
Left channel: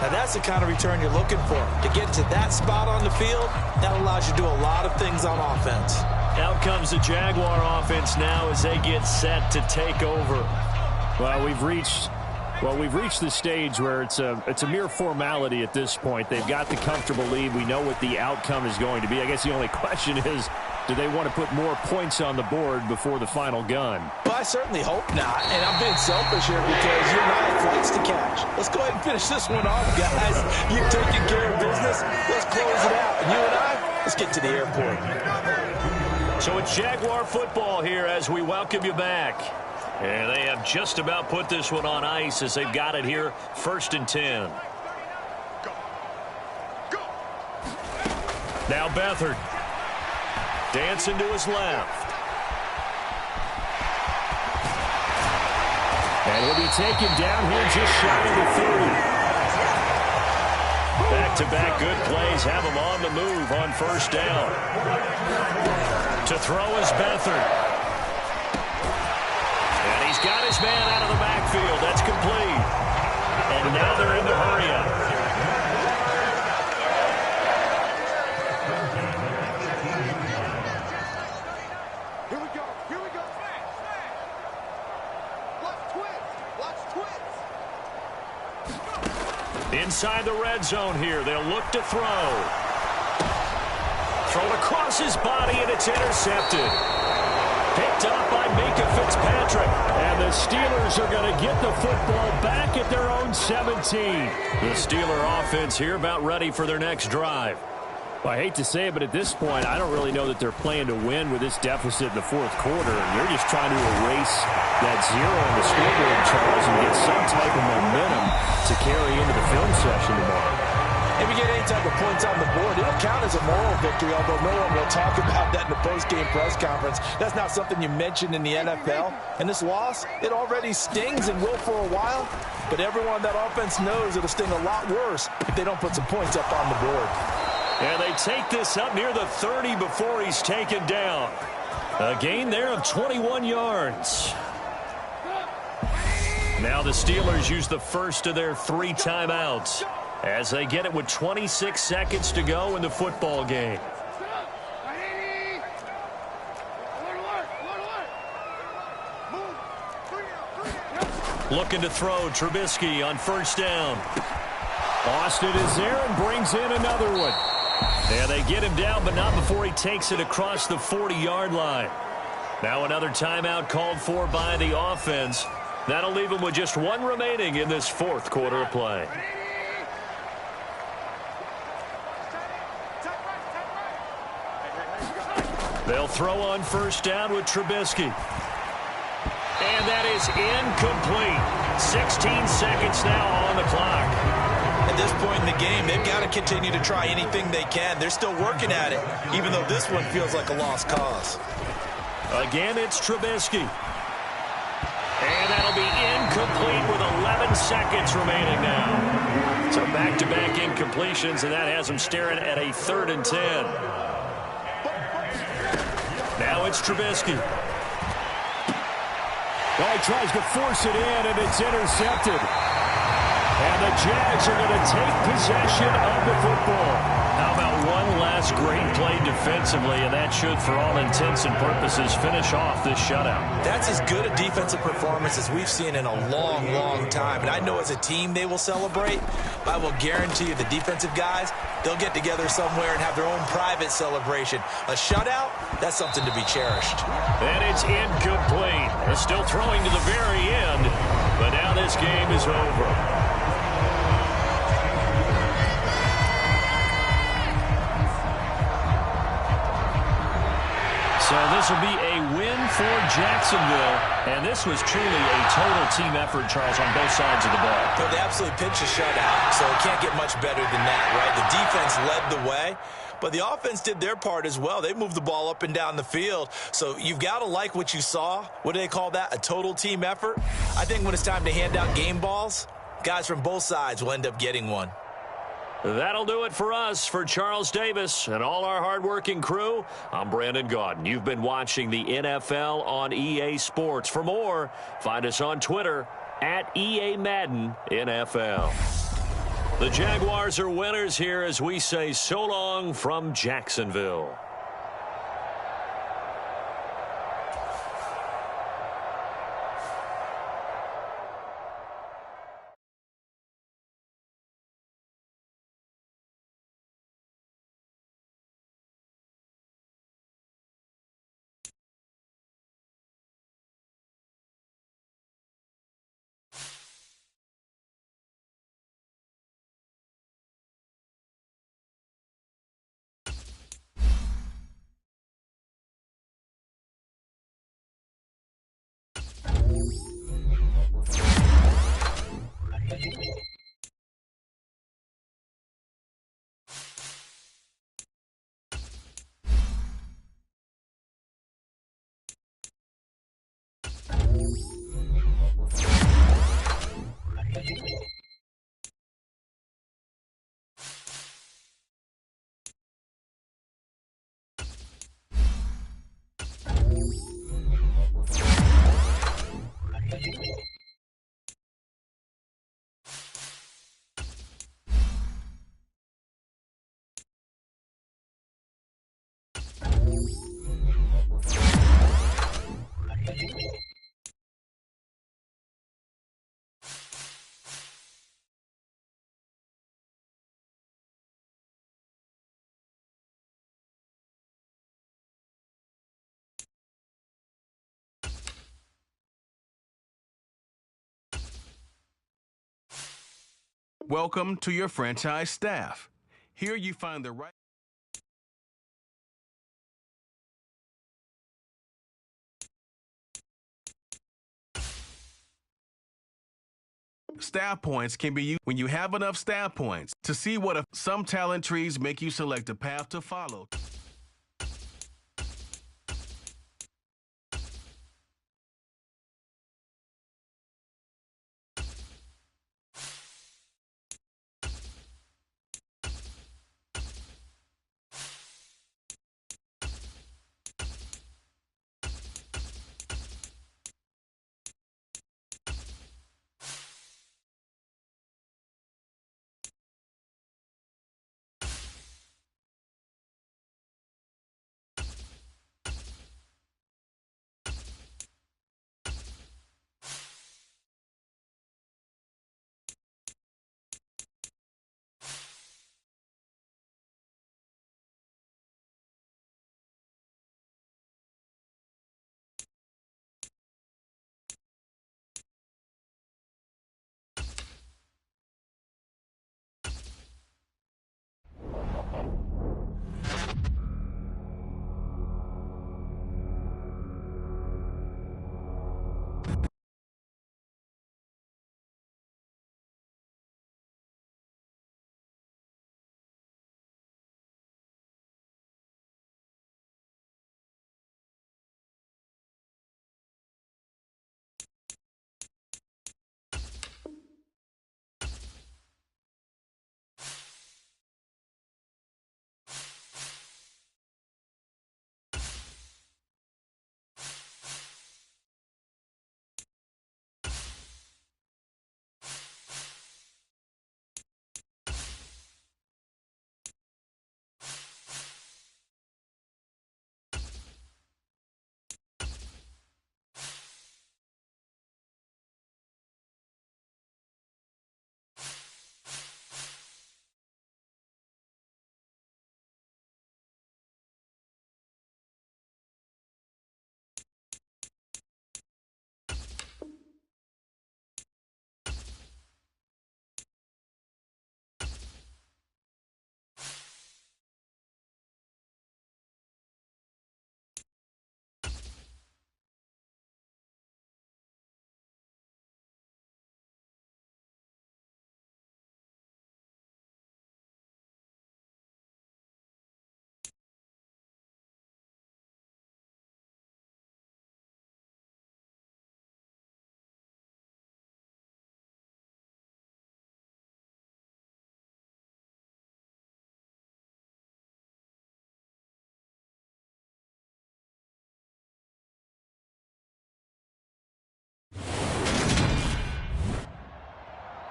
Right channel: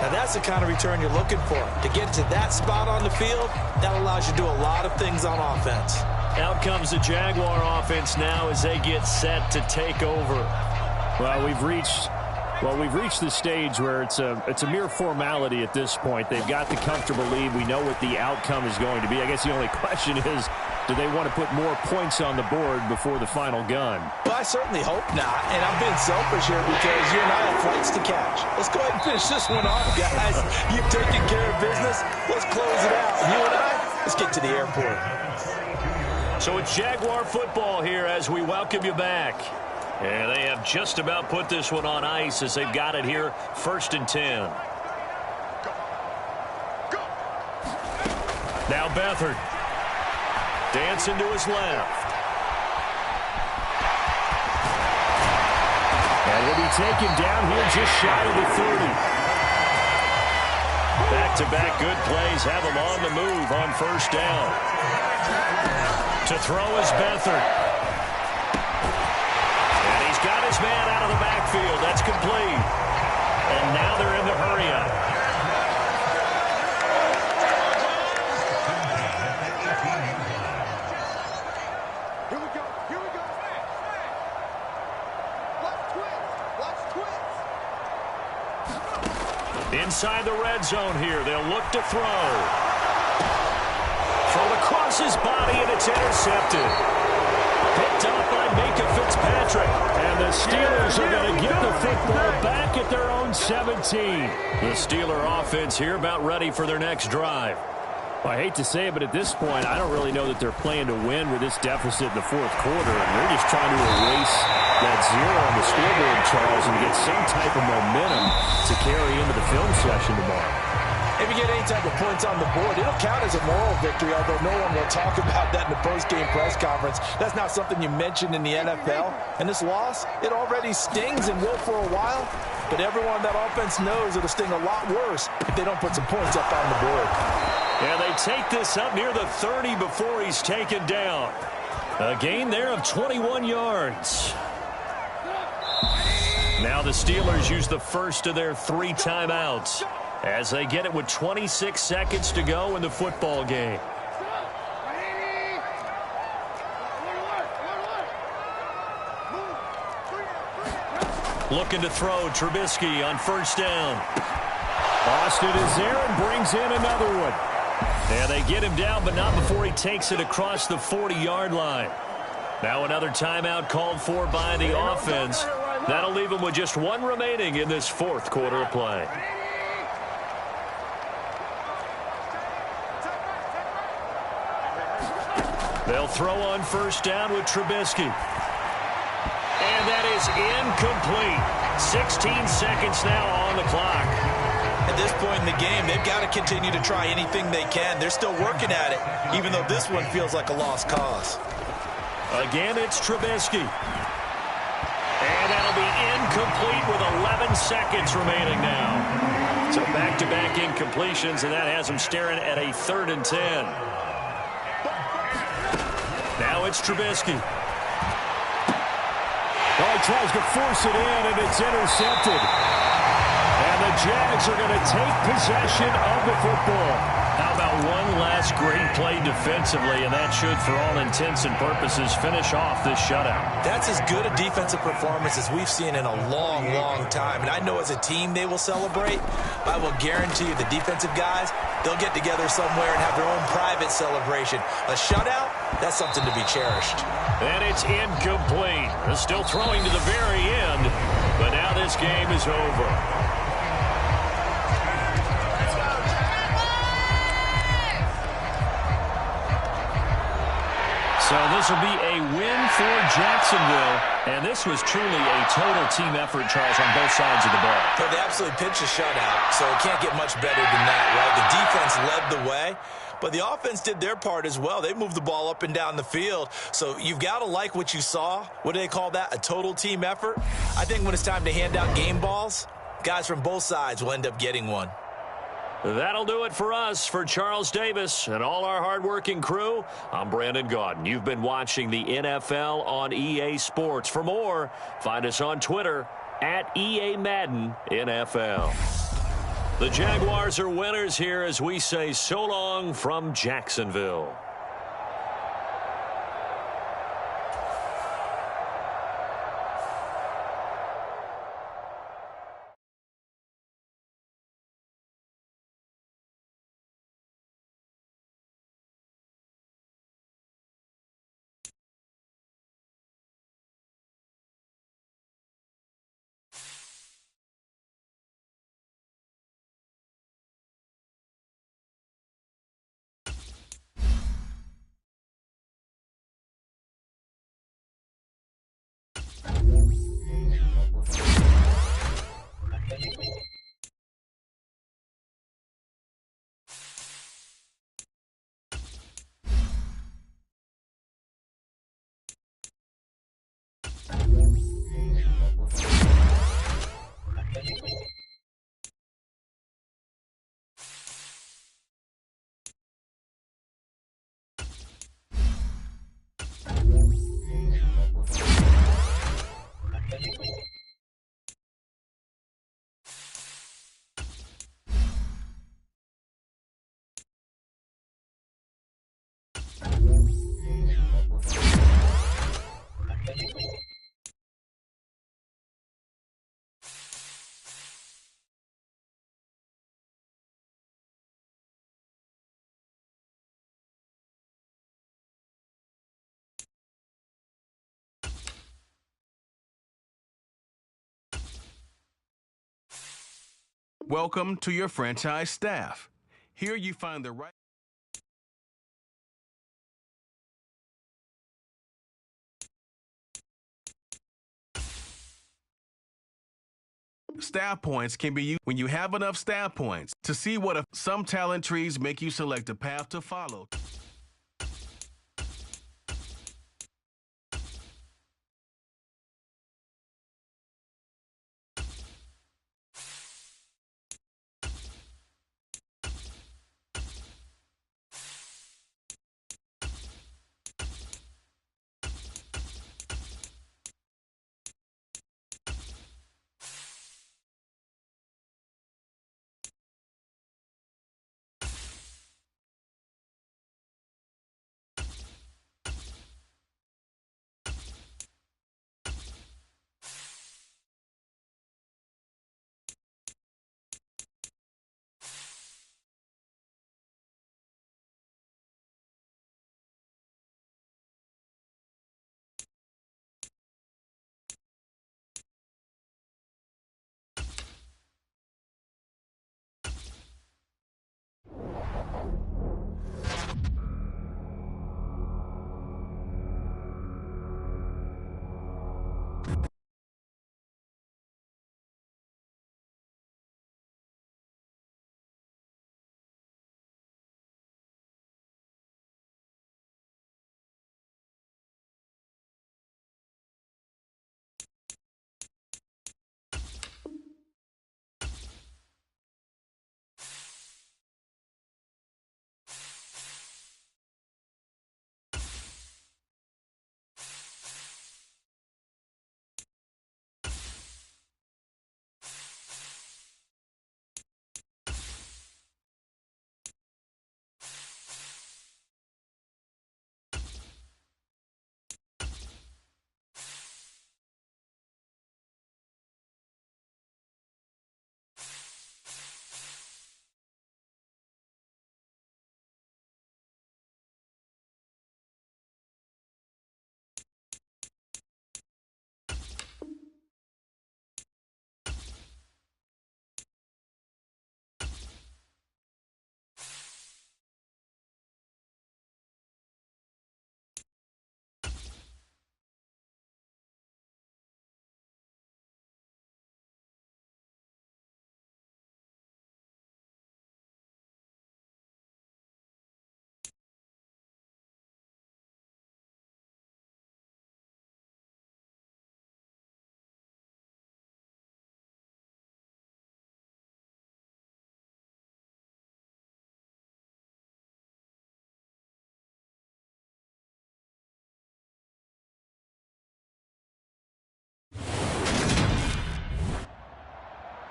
Now that's the kind of return you're looking for. To get to that spot on the field, that allows you to do a lot of things on offense. Out comes the Jaguar offense now as they get set to take over. Well, we've reached the stage where it's a mere formality at this point. They've got the comfortable lead. We know what the outcome is going to be. I guess the only question is, do they want to put more points on the board before the final gun? Well, I certainly hope not. And I'm being selfish here because you and I have flights to catch. Let's go ahead and finish this one off, guys. You've taken care of business. Let's close it out. And you and I, let's get to the airport. So it's Jaguar football here as we welcome you back. And they have just about put this one on ice as they've got it here 1st and 10. Now Beathard. Dancing to his left. And he'll be taken down here just shy of the 30. Back-to-back good plays have him on the move on first down. To throw is Beathard. And he's got his man out of the backfield. That's complete. And now they're in the hurry-up. Inside the red zone here. They'll look to throw. Thrown across his body, and it's intercepted. Picked up by Minka Fitzpatrick. And the Steelers are going to get the football back at their own 17. The Steeler offense here about ready for their next drive. Well, I hate to say it, but at this point, I don't really know that they're playing to win with this deficit in the fourth quarter. And they're just trying to erase that zero on the scoreboard, Charles, and get some type of momentum to carry into the film session tomorrow. If you get any type of points on the board, it'll count as a moral victory, although no one will talk about that in the post-game press conference. That's not something you mentioned in the NFL. And this loss, it already stings and will for a while. But everyone on that offense knows it'll sting a lot worse if they don't put some points up on the board. And they take this up near the 30 before he's taken down. A gain there of 21 yards. Now the Steelers use the first of their 3 timeouts as they get it with 26 seconds to go in the football game. Looking to throw, Trubisky on first down. Austin is there and brings in another one. Yeah, they get him down, but not before he takes it across the 40-yard line. Now another timeout called for by the offense. That'll leave him with just 1 remaining in this fourth quarter of play. They'll throw on first down with Trubisky. And that is incomplete. 16 seconds now on the clock. At this point in the game, they've got to continue to try anything they can. They're still working at it, even though this one feels like a lost cause. Again, it's Trubisky. And that'll be incomplete with 11 seconds remaining now. So back-to-back incompletions, and that has them staring at a 3rd and 10. Now it's Trubisky. Oh, he tries to force it in, and it's intercepted. And the Jags are going to take possession of the football. How about one last great play defensively, and that should, for all intents and purposes, finish off this shutout. That's as good a defensive performance as we've seen in a long, long time. And I know as a team they will celebrate. I will guarantee you the defensive guys, they'll get together somewhere and have their own private celebration. A shutout, that's something to be cherished. And it's incomplete. They're still throwing to the very end, but now this game is over. So this will be a win for Jacksonville, and this was truly a total team effort, Charles, on both sides of the ball. But they absolutely pitched a shutout, so it can't get much better than that, right? The defense led the way, but the offense did their part as well. They moved the ball up and down the field, so you've got to like what you saw. What do they call that? A total team effort? I think when it's time to hand out game balls, guys from both sides will end up getting one. That'll do it for us. For Charles Davis and all our hardworking crew, I'm Brandon Gaudin. You've been watching the NFL on EA Sports. For more, find us on Twitter at EA Madden NFL. The Jaguars are winners here as we say so long from Jacksonville. Welcome to your franchise staff. Here you find the right staff points can be used when you have enough staff points to see what some talent trees make you select a path to follow.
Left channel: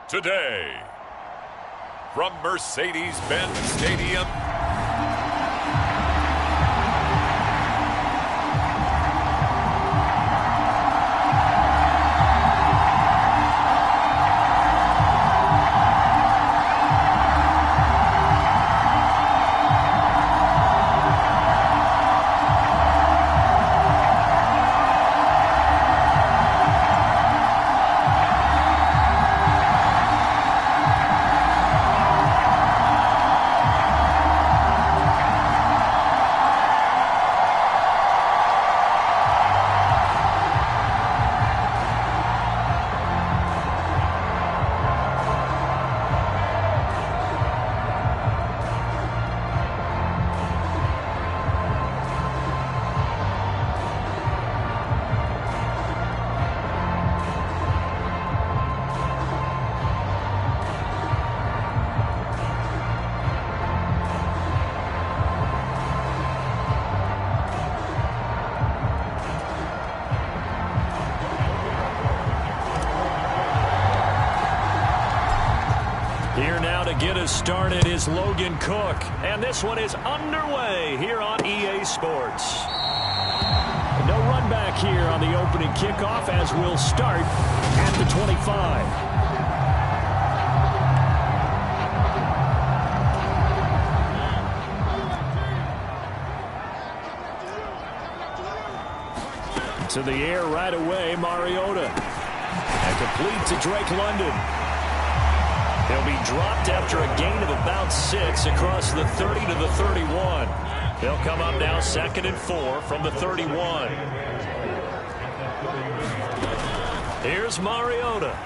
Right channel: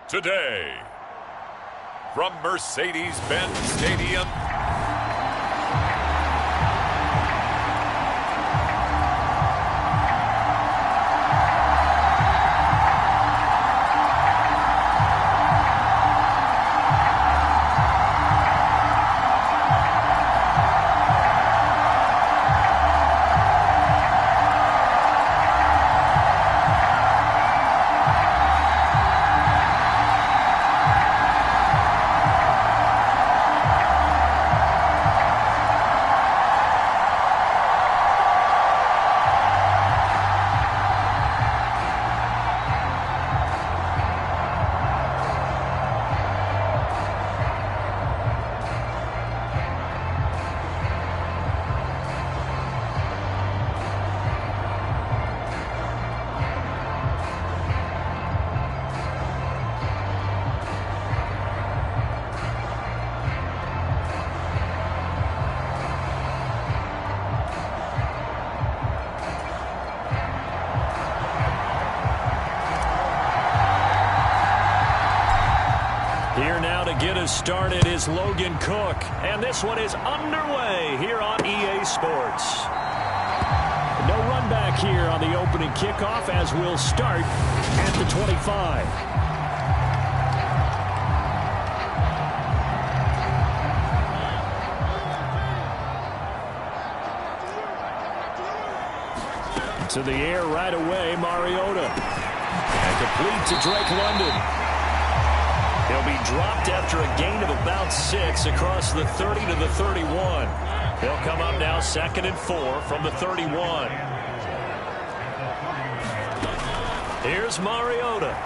Today, from Mercedes-Benz Stadium, here now to get us started is Logan Cook. And this one is underway here on EA Sports. No run back here on the opening kickoff as we'll start at the 25. To the air right away, Mariota. And complete to Drake London. He'll be dropped after a gain of about 6 across the 30 to the 31. They'll come up now 2nd and 4 from the 31. Here's Mariota.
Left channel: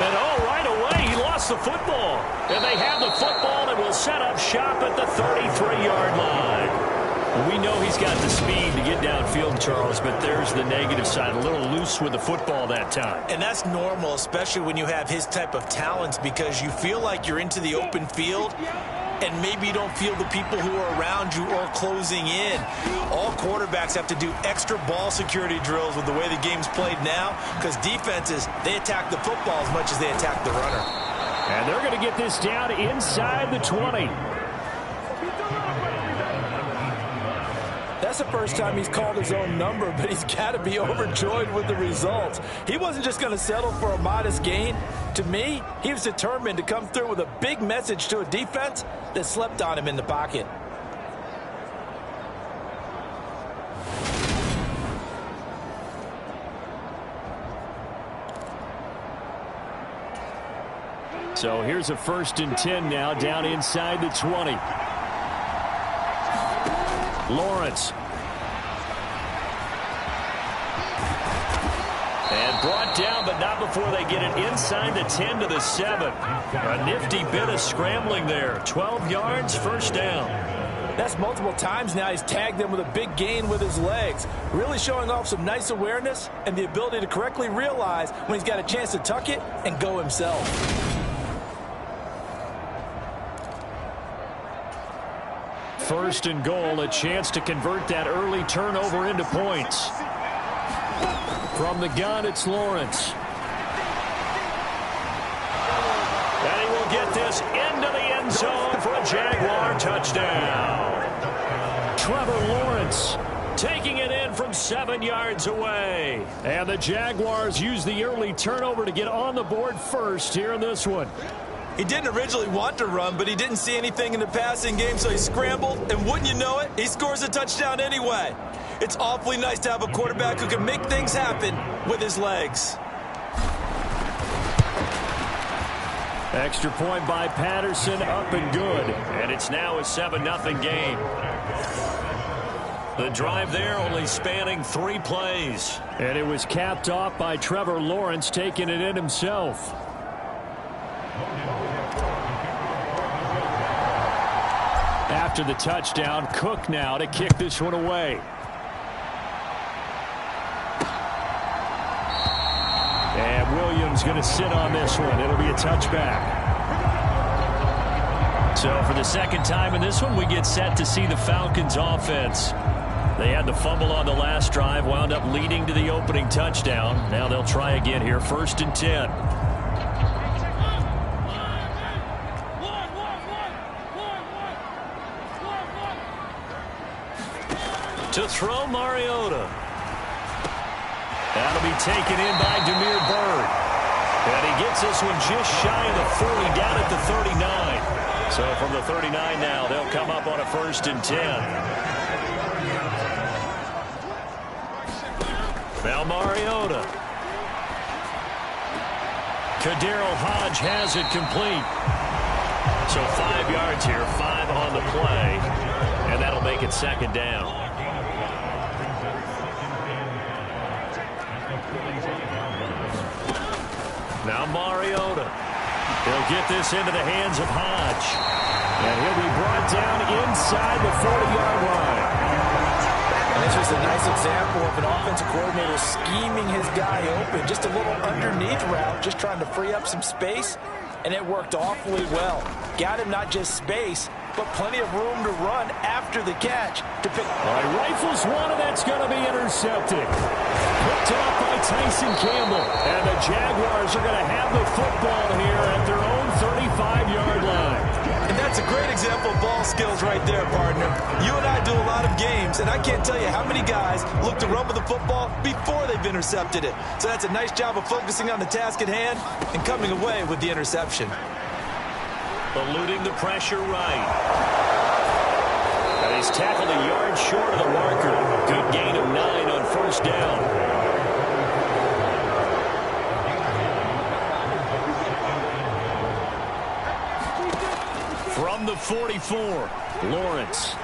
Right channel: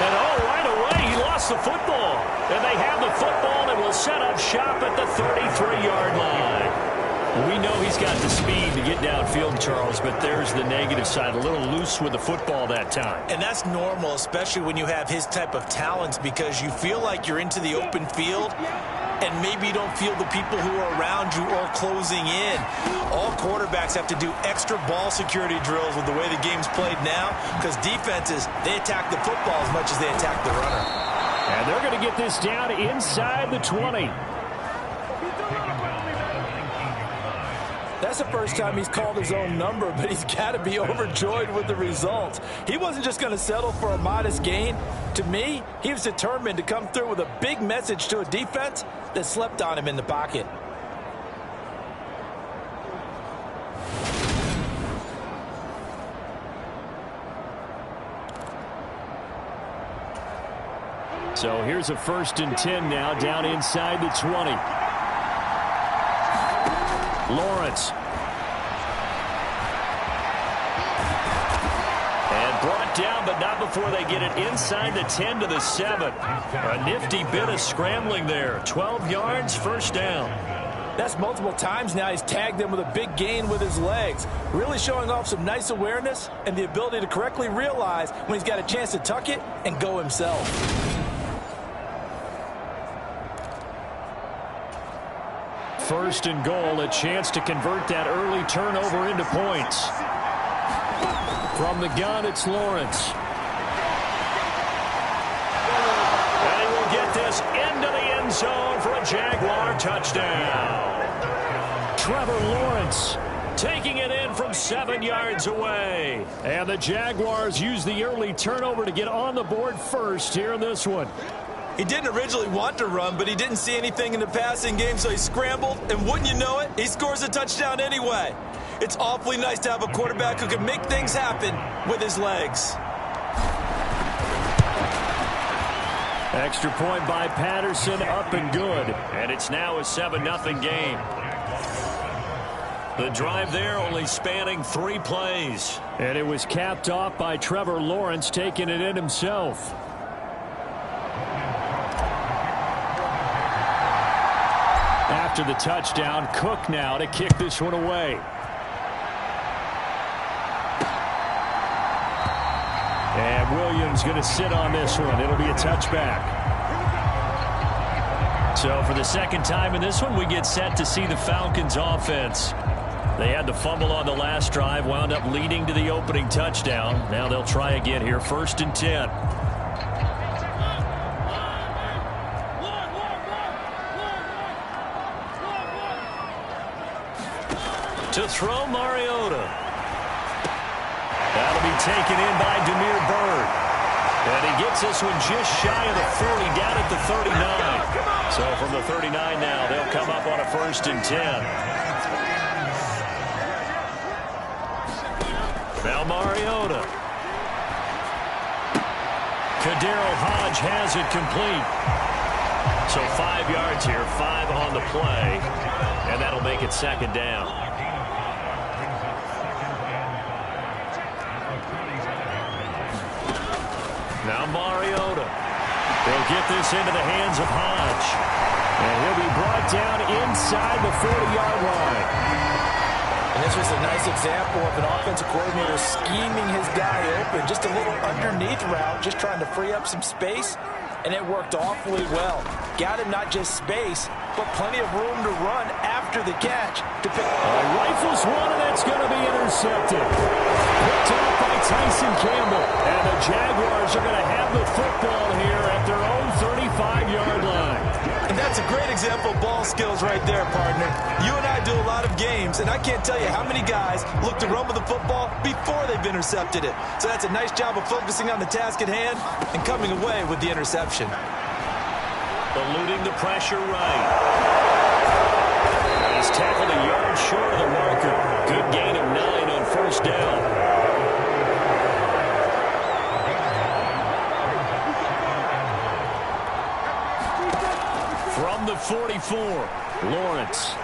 And right away, he lost the football. And they have the football and will set up shop at the 33-yard line. We know he's got the speed to get downfield, Charles, but there's the negative side. A little loose with the football that time. And that's normal, especially when you have his type of talents, because you feel like you're into the open field and maybe you don't feel the people who are around you or closing in. All quarterbacks have to do extra ball security drills with the way the game's played now, because defenses, they attack the football as much as they attack the runner. And they're going to get this down inside the 20. That's the first time he's called his own number, but he's got to be overjoyed with the results. He wasn't just going to settle for a modest gain. To me, he was determined to come through with a big message to a defense that slept on him in the pocket. So here's a 1st and 10 now, down inside the 20. Lawrence. And brought down, but not before they get it inside the 10 to the 7. A nifty bit of scrambling there. 12 yards, 1st down. That's multiple times now he's tagged them with a big gain with his legs. Really showing off some nice awareness and the ability to correctly realize when he's got a chance to tuck it and go himself. 1st and goal, a chance to convert that early turnover into points. From the gun, it's Lawrence. And he will get this into the end zone for a Jaguar touchdown. Trevor Lawrence taking it in from 7 yards away. And the Jaguars use the early turnover to get on the board first here in this one. He didn't originally want to run, but he didn't see anything in the passing game, so he scrambled, and wouldn't you know it, he scores a touchdown anyway. It's awfully nice to have a quarterback who can make things happen with his legs. Extra point by Patterson, up and good. And it's now a 7-0 game. The drive there only spanning 3 plays. And it was capped off by Trevor Lawrence taking it in himself. After the touchdown, Cook now to kick this one away. And Williams going to sit on this one. It'll be a touchback. So for the 2nd time in this one, we get set to see the Falcons offense. They had the fumble on the last drive, wound up leading to the opening touchdown. Now they'll try again here, 1st and 10. To throw, Mariota. That'll be taken in by Damiere Byrd. And he gets this one just shy of the 40, down at the 39. So from the 39 now, they'll come up on a 1st and 10. Now Mariota. Kaderil Hodge has it complete. So 5 yards here, 5 on the play. And that'll make it 2nd down. Now Mariota. They'll get this into the hands of Hodge. And he'll be brought down inside the 40-yard line. And this was a nice example of an offensive coordinator scheming his guy open. Just a little underneath route, just trying to free up some space. And it worked awfully well. Got him not just space, but plenty of room to run after the catch to pick. All right, rifles one, and that's going to be intercepted. Picked off by Tyson Campbell. And the Jaguars are going to have the football here at their own 35-yard line. And that's a great example of ball skills right there, partner. You and I do a lot of games, and I can't tell you how many guys look to run with the football before they've intercepted it. So that's a nice job of focusing on the task at hand and coming away with the interception. Eluding the pressure right. And he's tackled a yard short of the marker. Good gain of 9 on 1st down. From the 44, Lawrence.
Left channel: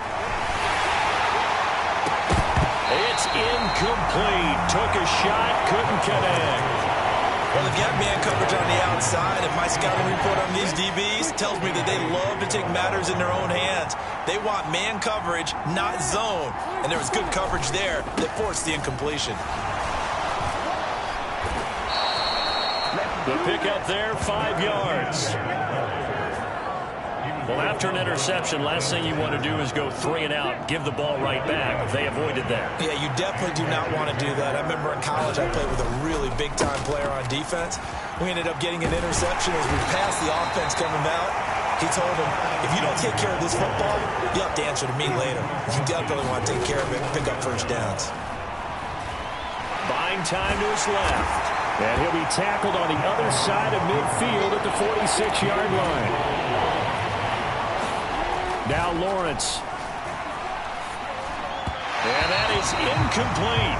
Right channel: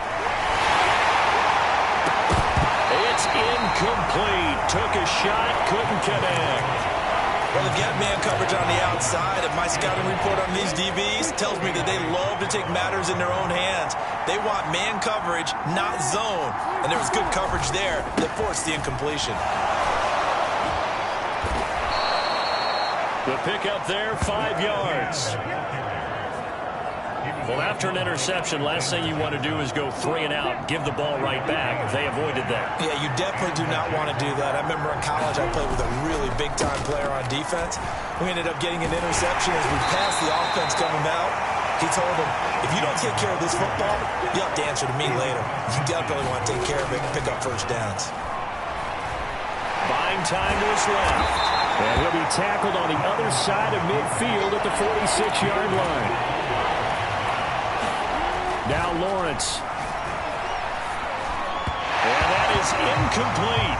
It's incomplete. Took a shot, couldn't connect. Well, if you have man coverage on the outside, and my scouting report on these DBs tells me that they love to take matters in their own hands. They want man coverage, not zone. And there was good coverage there that forced the incompletion. The pickup there, 5 yards. Well, after an interception, last thing you want to do is go 3 and out, give the ball right back. They avoided that. Yeah, you definitely do not want to do that. I remember in college I played with a really big-time player on defense. We ended up getting an interception as we passed the offense coming out. He told him, if you don't take care of this football, you'll have to answer to me later. You definitely want to take care of it and pick up first downs. Buying time to his left. And he'll be tackled on the other side of midfield at the 46-yard line. Now Lawrence. And that is incomplete.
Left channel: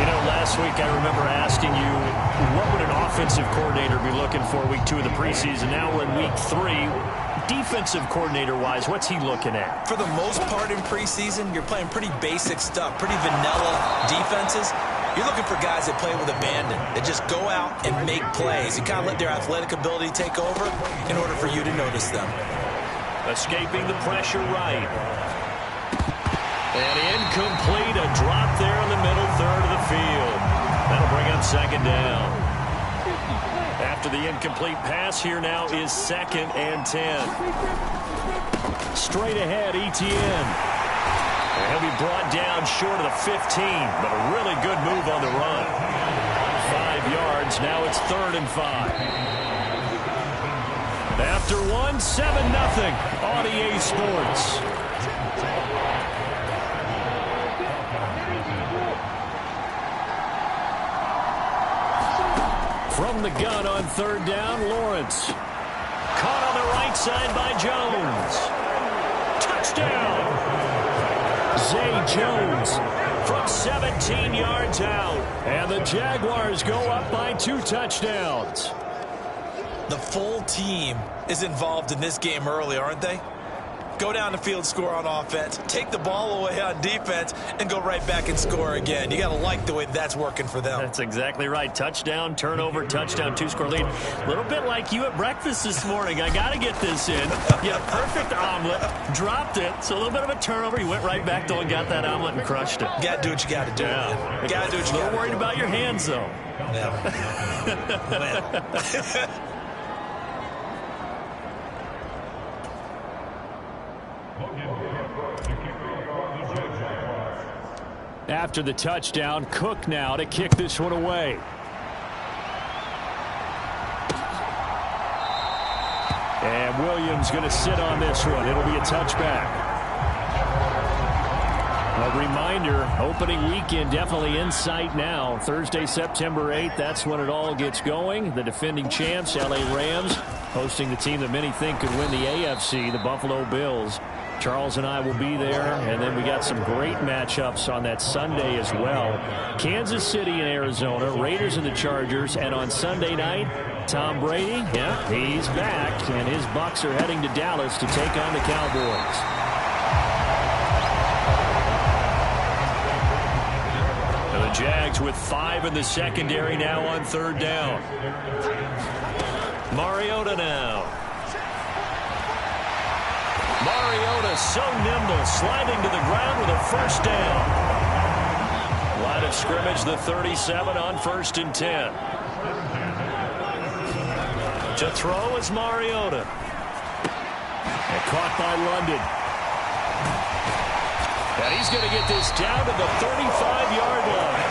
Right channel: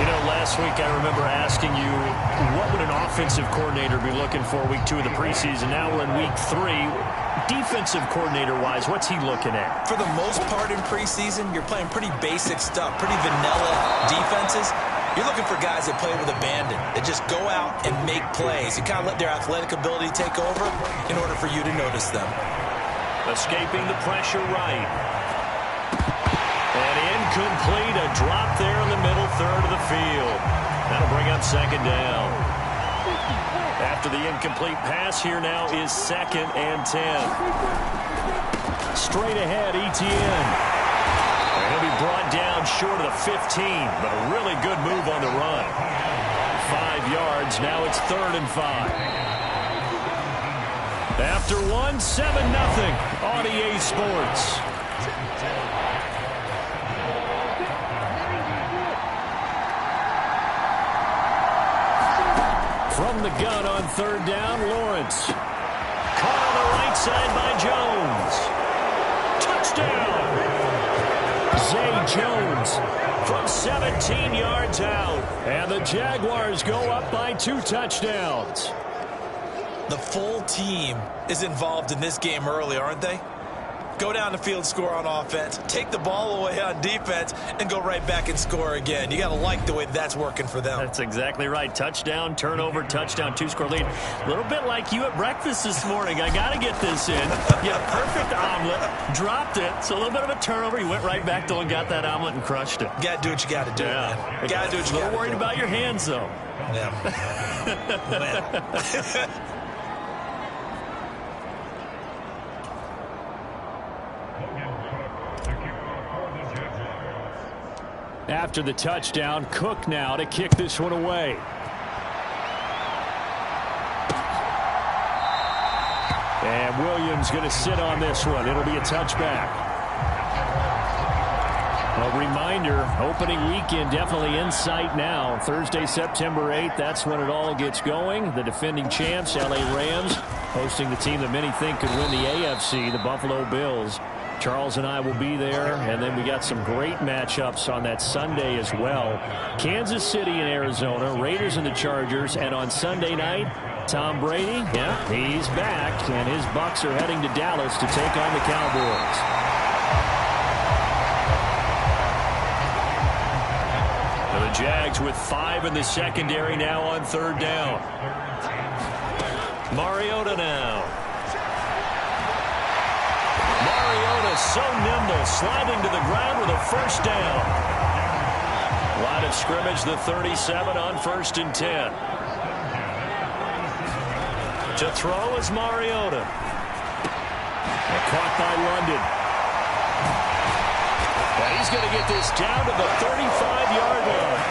You know, last week I remember asking you, what would an offensive coordinator be looking for week 2 of the preseason? Now we're in week 3. Defensive coordinator-wise, what's he looking at? For the most part in preseason, you're playing pretty basic stuff, pretty vanilla defenses. You're looking for guys that play with abandon, that just go out and make plays. You kind of let their athletic ability take over in order for you to notice them. Escaping the pressure right. And incomplete. A drop there in the middle third of the field. That'll bring up second down. After the incomplete pass, here now is 2nd and 10. Straight ahead, Etienne. And he'll be brought down short of the 15, but a really good move on the run. 5 yards. Now it's 3rd and 5. After 1, 7-0 on EA Sports. From the gun on 3rd down, Lawrence. Caught on the right side by Jones. Touchdown! Zay Jones from 17 yards out. And the Jaguars go up by 2 touchdowns. The full team is involved in this game early, aren't they? Go down the field, score on offense, take the ball away on defense, and go right back and score again. You got to like the way that's working for them. That's exactly right. Touchdown, turnover, touchdown, 2-score lead. A little bit like you at breakfast this morning. I got to get this in. Yeah, perfect omelet. Dropped it. So a little bit of a turnover. You went right back though and got that omelet and crushed it. Got to do what you got to do, man. Got to do what you got to do. A little worried about your hands, though. Yeah. Well. After the touchdown, Cook now to kick this one away. And Williams going to sit on this one. It'll be a touchback. A reminder, opening weekend definitely in sight now. Thursday, September 8th, that's when it all gets going. The defending champs, LA Rams, hosting the team that many think could win the AFC, the Buffalo Bills. Charles and I will be there, and then we got some great matchups on that Sunday as well. Kansas City and Arizona, Raiders and the Chargers, and on Sunday night, Tom Brady, yeah, he's back, and his Bucs are heading to Dallas to take on the Cowboys. So the Jags with 5 in the secondary now on 3rd down. Mariota now. Mariota so nimble, sliding to the ground with a first down. Line of scrimmage, the 37 on 1st and 10. To throw is Mariota. And caught by London. And he's going to get this down to the 35-yard line.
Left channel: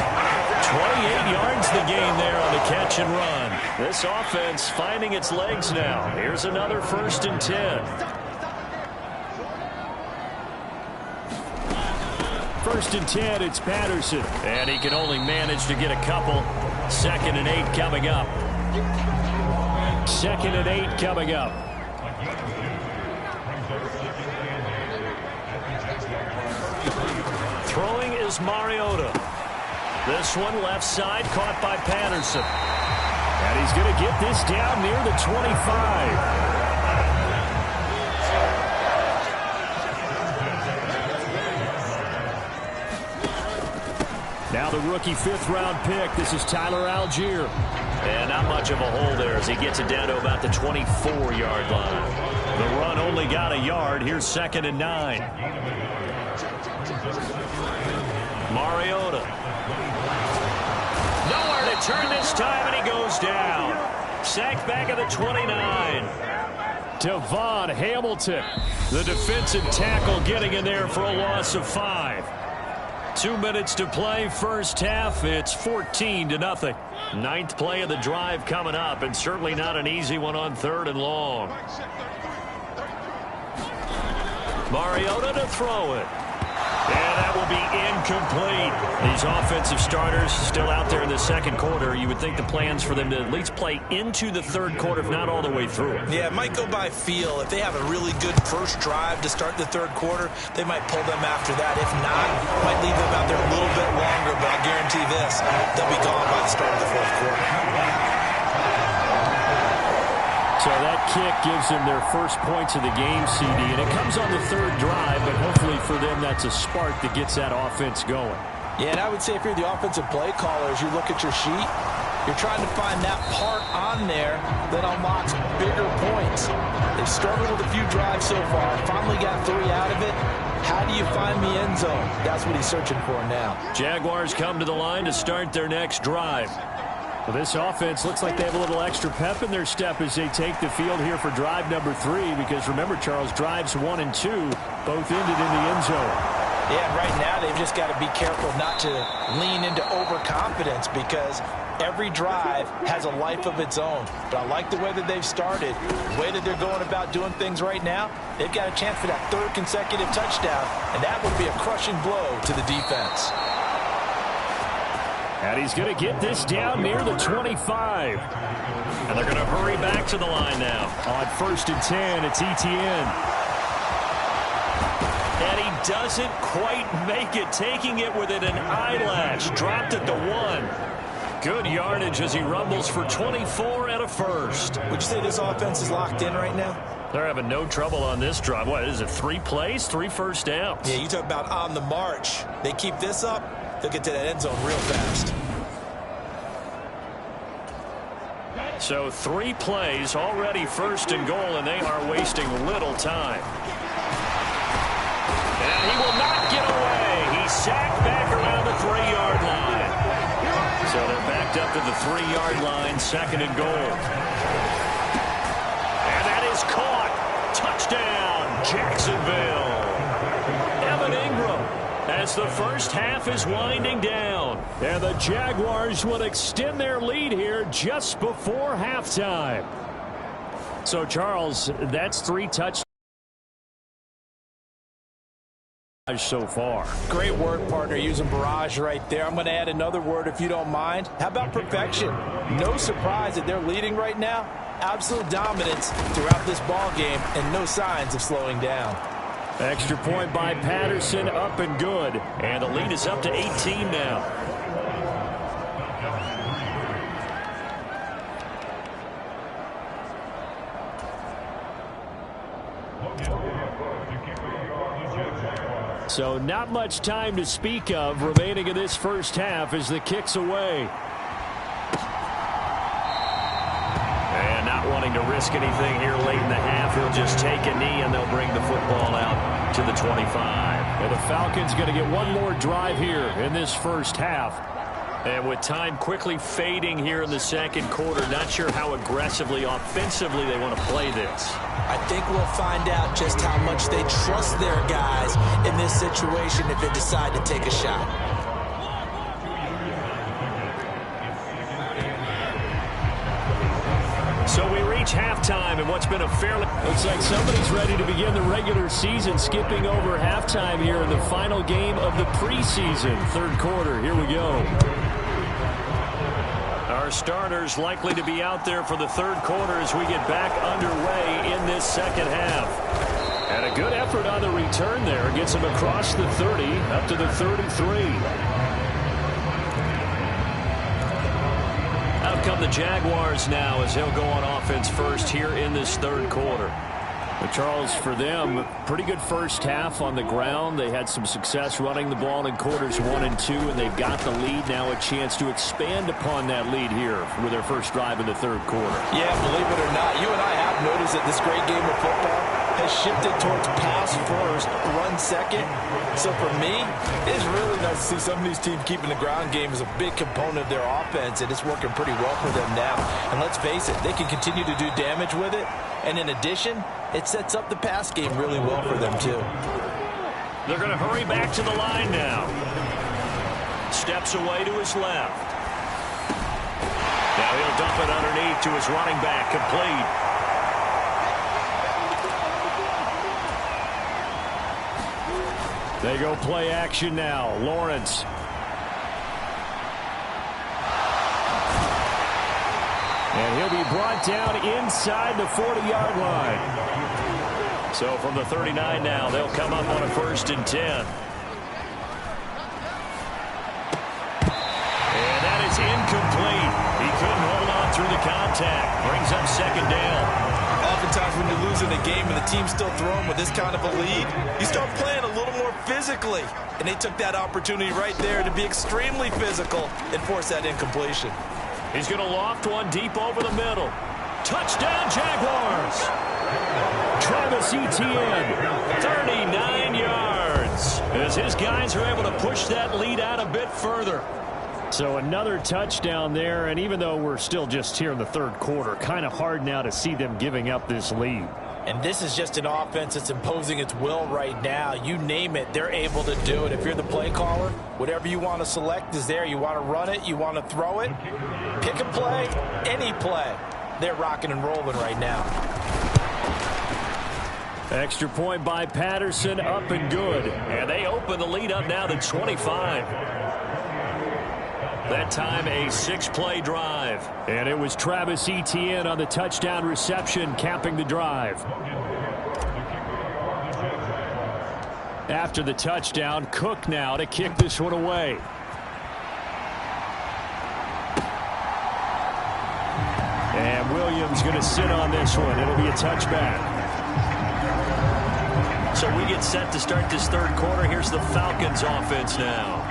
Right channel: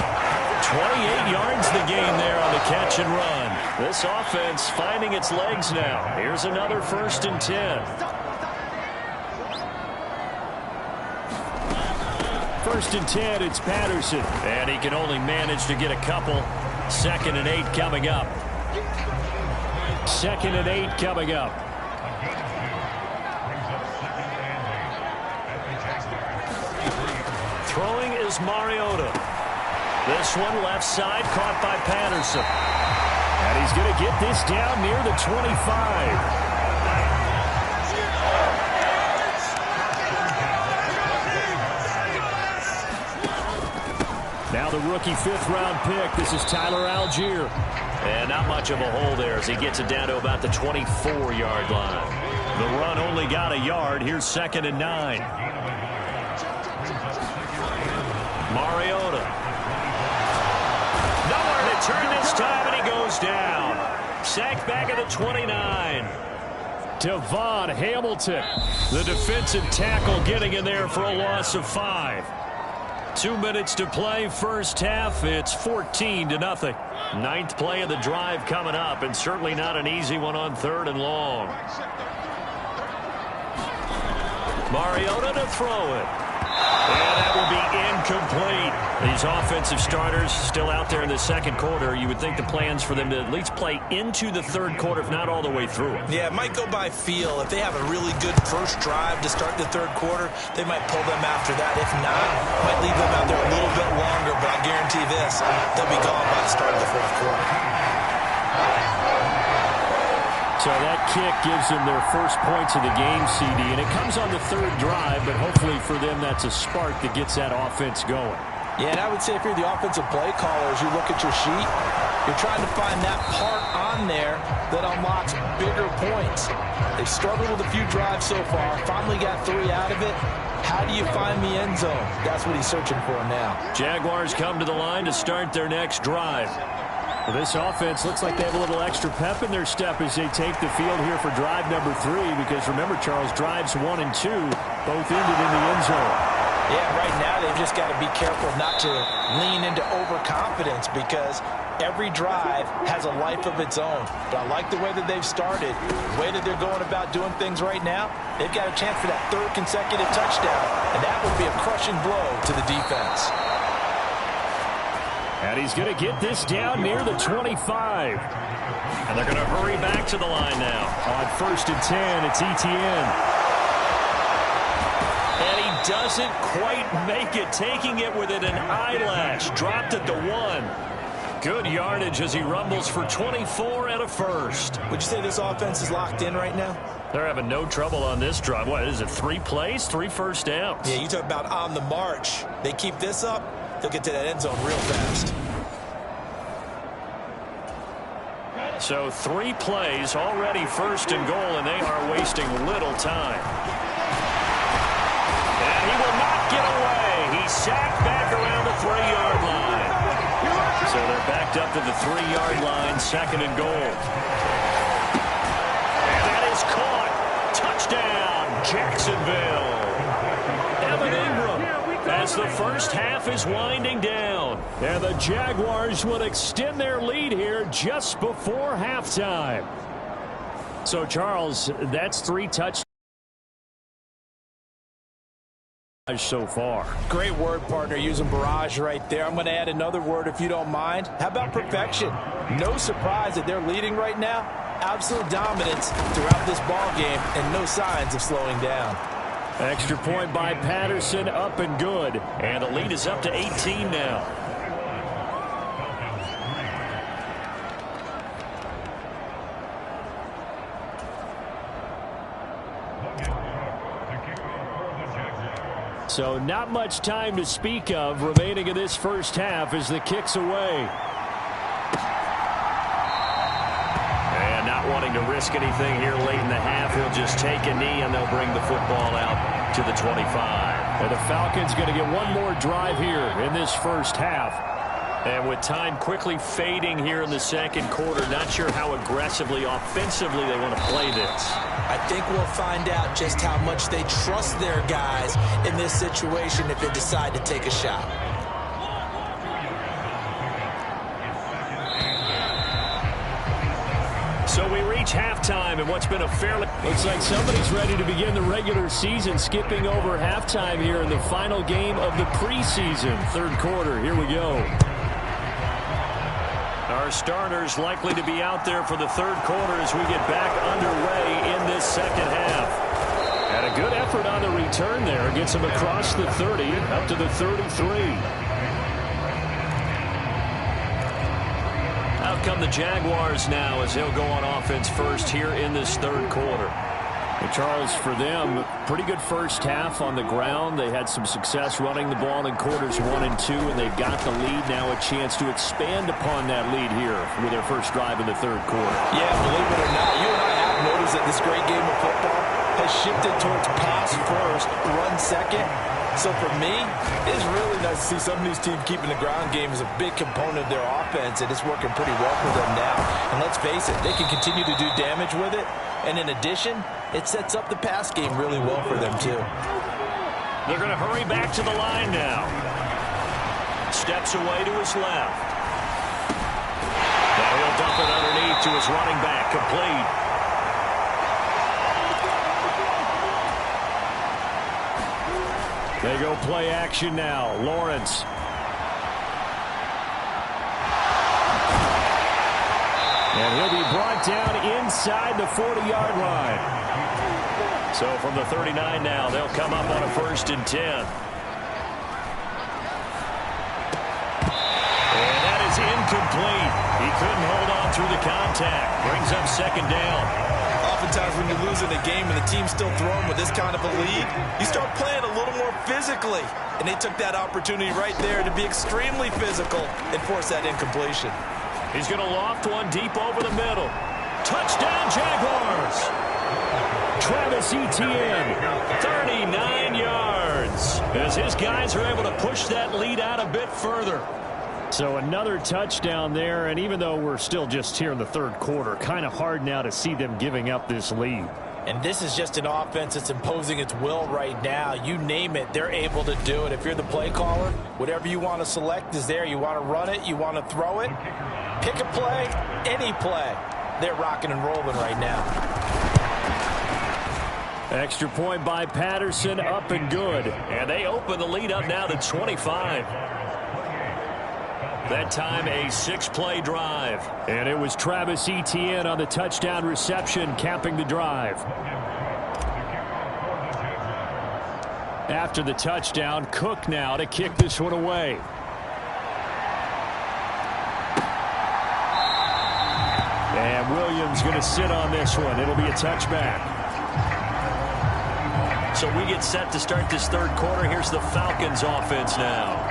28 yards the gain there on the catch and run. This offense finding its legs now. Here's another 1st and 10. 1st and 10, it's Patterson. And he can only manage to get a couple. 2nd and 8 coming up. 2nd and 8 coming up. Throwing is Mariota. This one left side caught by Patterson. And he's going to get this down near the 25. Now the rookie 5th-round pick. This is Tyler Algier. And not much of a hole there as he gets it down to about the 24-yard line. The run only got a yard. Here's 2nd and 9. Mariota. Nowhere to turn this time, and he goes down. Sacked back at the 29. Devon Hamilton, the defensive tackle, getting in there for a loss of 5. 2 minutes to play, first half. It's 14-0. 9th play of the drive coming up, and certainly not an easy one on 3rd and long. Mariota to throw it. And that will be incomplete. These offensive starters still out there in the second quarter. You would think the plans for them to at least play into the 3rd quarter, if not all the way through it. Yeah, it might go by feel. If they have a really good first drive to start the 3rd quarter, they might pull them after that. If not, might leave them out there a little bit longer, but I'll guarantee this, they'll be gone by the start of the 4th quarter. So that kick gives them their first points of the game, CD, and it comes on the 3rd drive, but hopefully for them that's a spark that gets that offense going. Yeah, and I would say if you're the offensive play caller, as you look at your sheet, you're trying to find that part on there that unlocks bigger points. They've struggled with a few drives so far, finally got 3 out of it. How do you find the end zone? That's what he's searching for now. Jaguars come to the line to start their next drive. Well, this offense looks like they have a little extra pep in their step as they take the field here for drive number 3, because remember, Charles, drives 1 and 2 both ended in the end zone. Yeah, right now they've just got to be careful not to lean into overconfidence, because every drive has a life of its own. But I like the way that they've started, the way that they're going about doing things right now. They've got a chance for that 3rd consecutive touchdown, and that would be a crushing blow to the defense. And he's going to get this down near the 25. And they're going to hurry back to the line now. On 1st and 10, it's Etienne. And he doesn't quite make it, taking it within an eyelash. Dropped at the 1. Good yardage as he rumbles for 24 and a first. Would you say this offense is locked in right now? They're having no trouble on this drive. What is it, 3 plays, 3 first downs? Yeah, you talk about on the march. They keep this up, they'll get to that end zone real fast. So 3 plays, already 1st and goal, and they are wasting little time. And he will not get away. He's sacked back around the 3-yard line. So they're backed up to the 3-yard line, 2nd and goal. And that is caught. Touchdown, Jacksonville. Evan Ingram, as the first half is winding down. And the Jaguars will extend their lead here just before halftime. So, Charles, that's 3 touchdowns so far. Great word, partner, using barrage right there. I'm going to add another word if you don't mind. How about perfection? No surprise that they're leading right now. Absolute dominance throughout this ball game and no signs of slowing down. Extra point by Patterson, up and good. And the lead is up to 18 now. So not much time to speak of remaining in this first half as the kick's away. And not wanting to risk anything here late in the half, he'll just take a knee and they'll bring the football out to the 25. And the Falcons going to get one more drive here in this first half. And with time quickly fading here in the second quarter, not sure how aggressively, offensively they want to play this. I think we'll find out just how much they trust their guys in this situation if they decide to take a shot. So we reach halftime in what's been a fairly... Looks like somebody's ready to begin the regular season, skipping over halftime here in the final game of the preseason. 3rd quarter, here we go. Our starters likely to be out there for the 3rd quarter as we get back underway in this second half. And a good effort on the return there. Gets him across the 30, up to the 33. Out come the Jaguars now as they'll go on offense first here in this 3rd quarter. Charles, for them, pretty good first half on the ground. They had some success running the ball in quarters 1 and 2, and they've got the lead. Now a chance to expand upon that lead here with their first drive in the third quarter. Yeah, believe it or not, you and I have noticed that this great game of football has shifted towards pass first, run second. So for me, it's really nice to see some of these teams keeping the ground game as a big component of their offense, and it's working pretty well for them now. And let's face it, they can continue to do damage with it. And in addition, it sets up the pass game really well for them, too. They're going to hurry back to the line now. Steps away to his left. Now he'll dump it underneath to his running back, complete. They go play action now. Lawrence. And he'll be brought down inside the 40-yard line. So from the 39 now, they'll come up on a 1st and 10. And that is incomplete. He couldn't hold on through the contact. Brings up 2nd down. Oftentimes when you're losing a game and the team's still throwing with this kind of a lead, you start playing a little more physically. And they took that opportunity right there to be extremely physical and force that incompletion. He's going to loft one deep over the middle. Touchdown, Jaguars! Travis Etienne, 39 yards. As his guys are able to push that lead out a bit further. So another touchdown there, and even though we're still just here in the third quarter, kind of hard now to see them giving up this lead. And this is just an offense that's imposing its will right now. You name it, they're able to do it. If you're the play caller, whatever you want to select is there. You want to run it, you want to throw it. Pick a play, any play. They're rocking and rolling right now. Extra point by Patterson, up and good. And they open the lead up now to 25. That time a 6-play drive. And it was Travis Etienne on the touchdown reception, capping the drive. After the touchdown, Cook now to kick this one away. And Williams going to sit on this one. It'll be a touchback. So we get set to start this third quarter. Here's the Falcons offense now.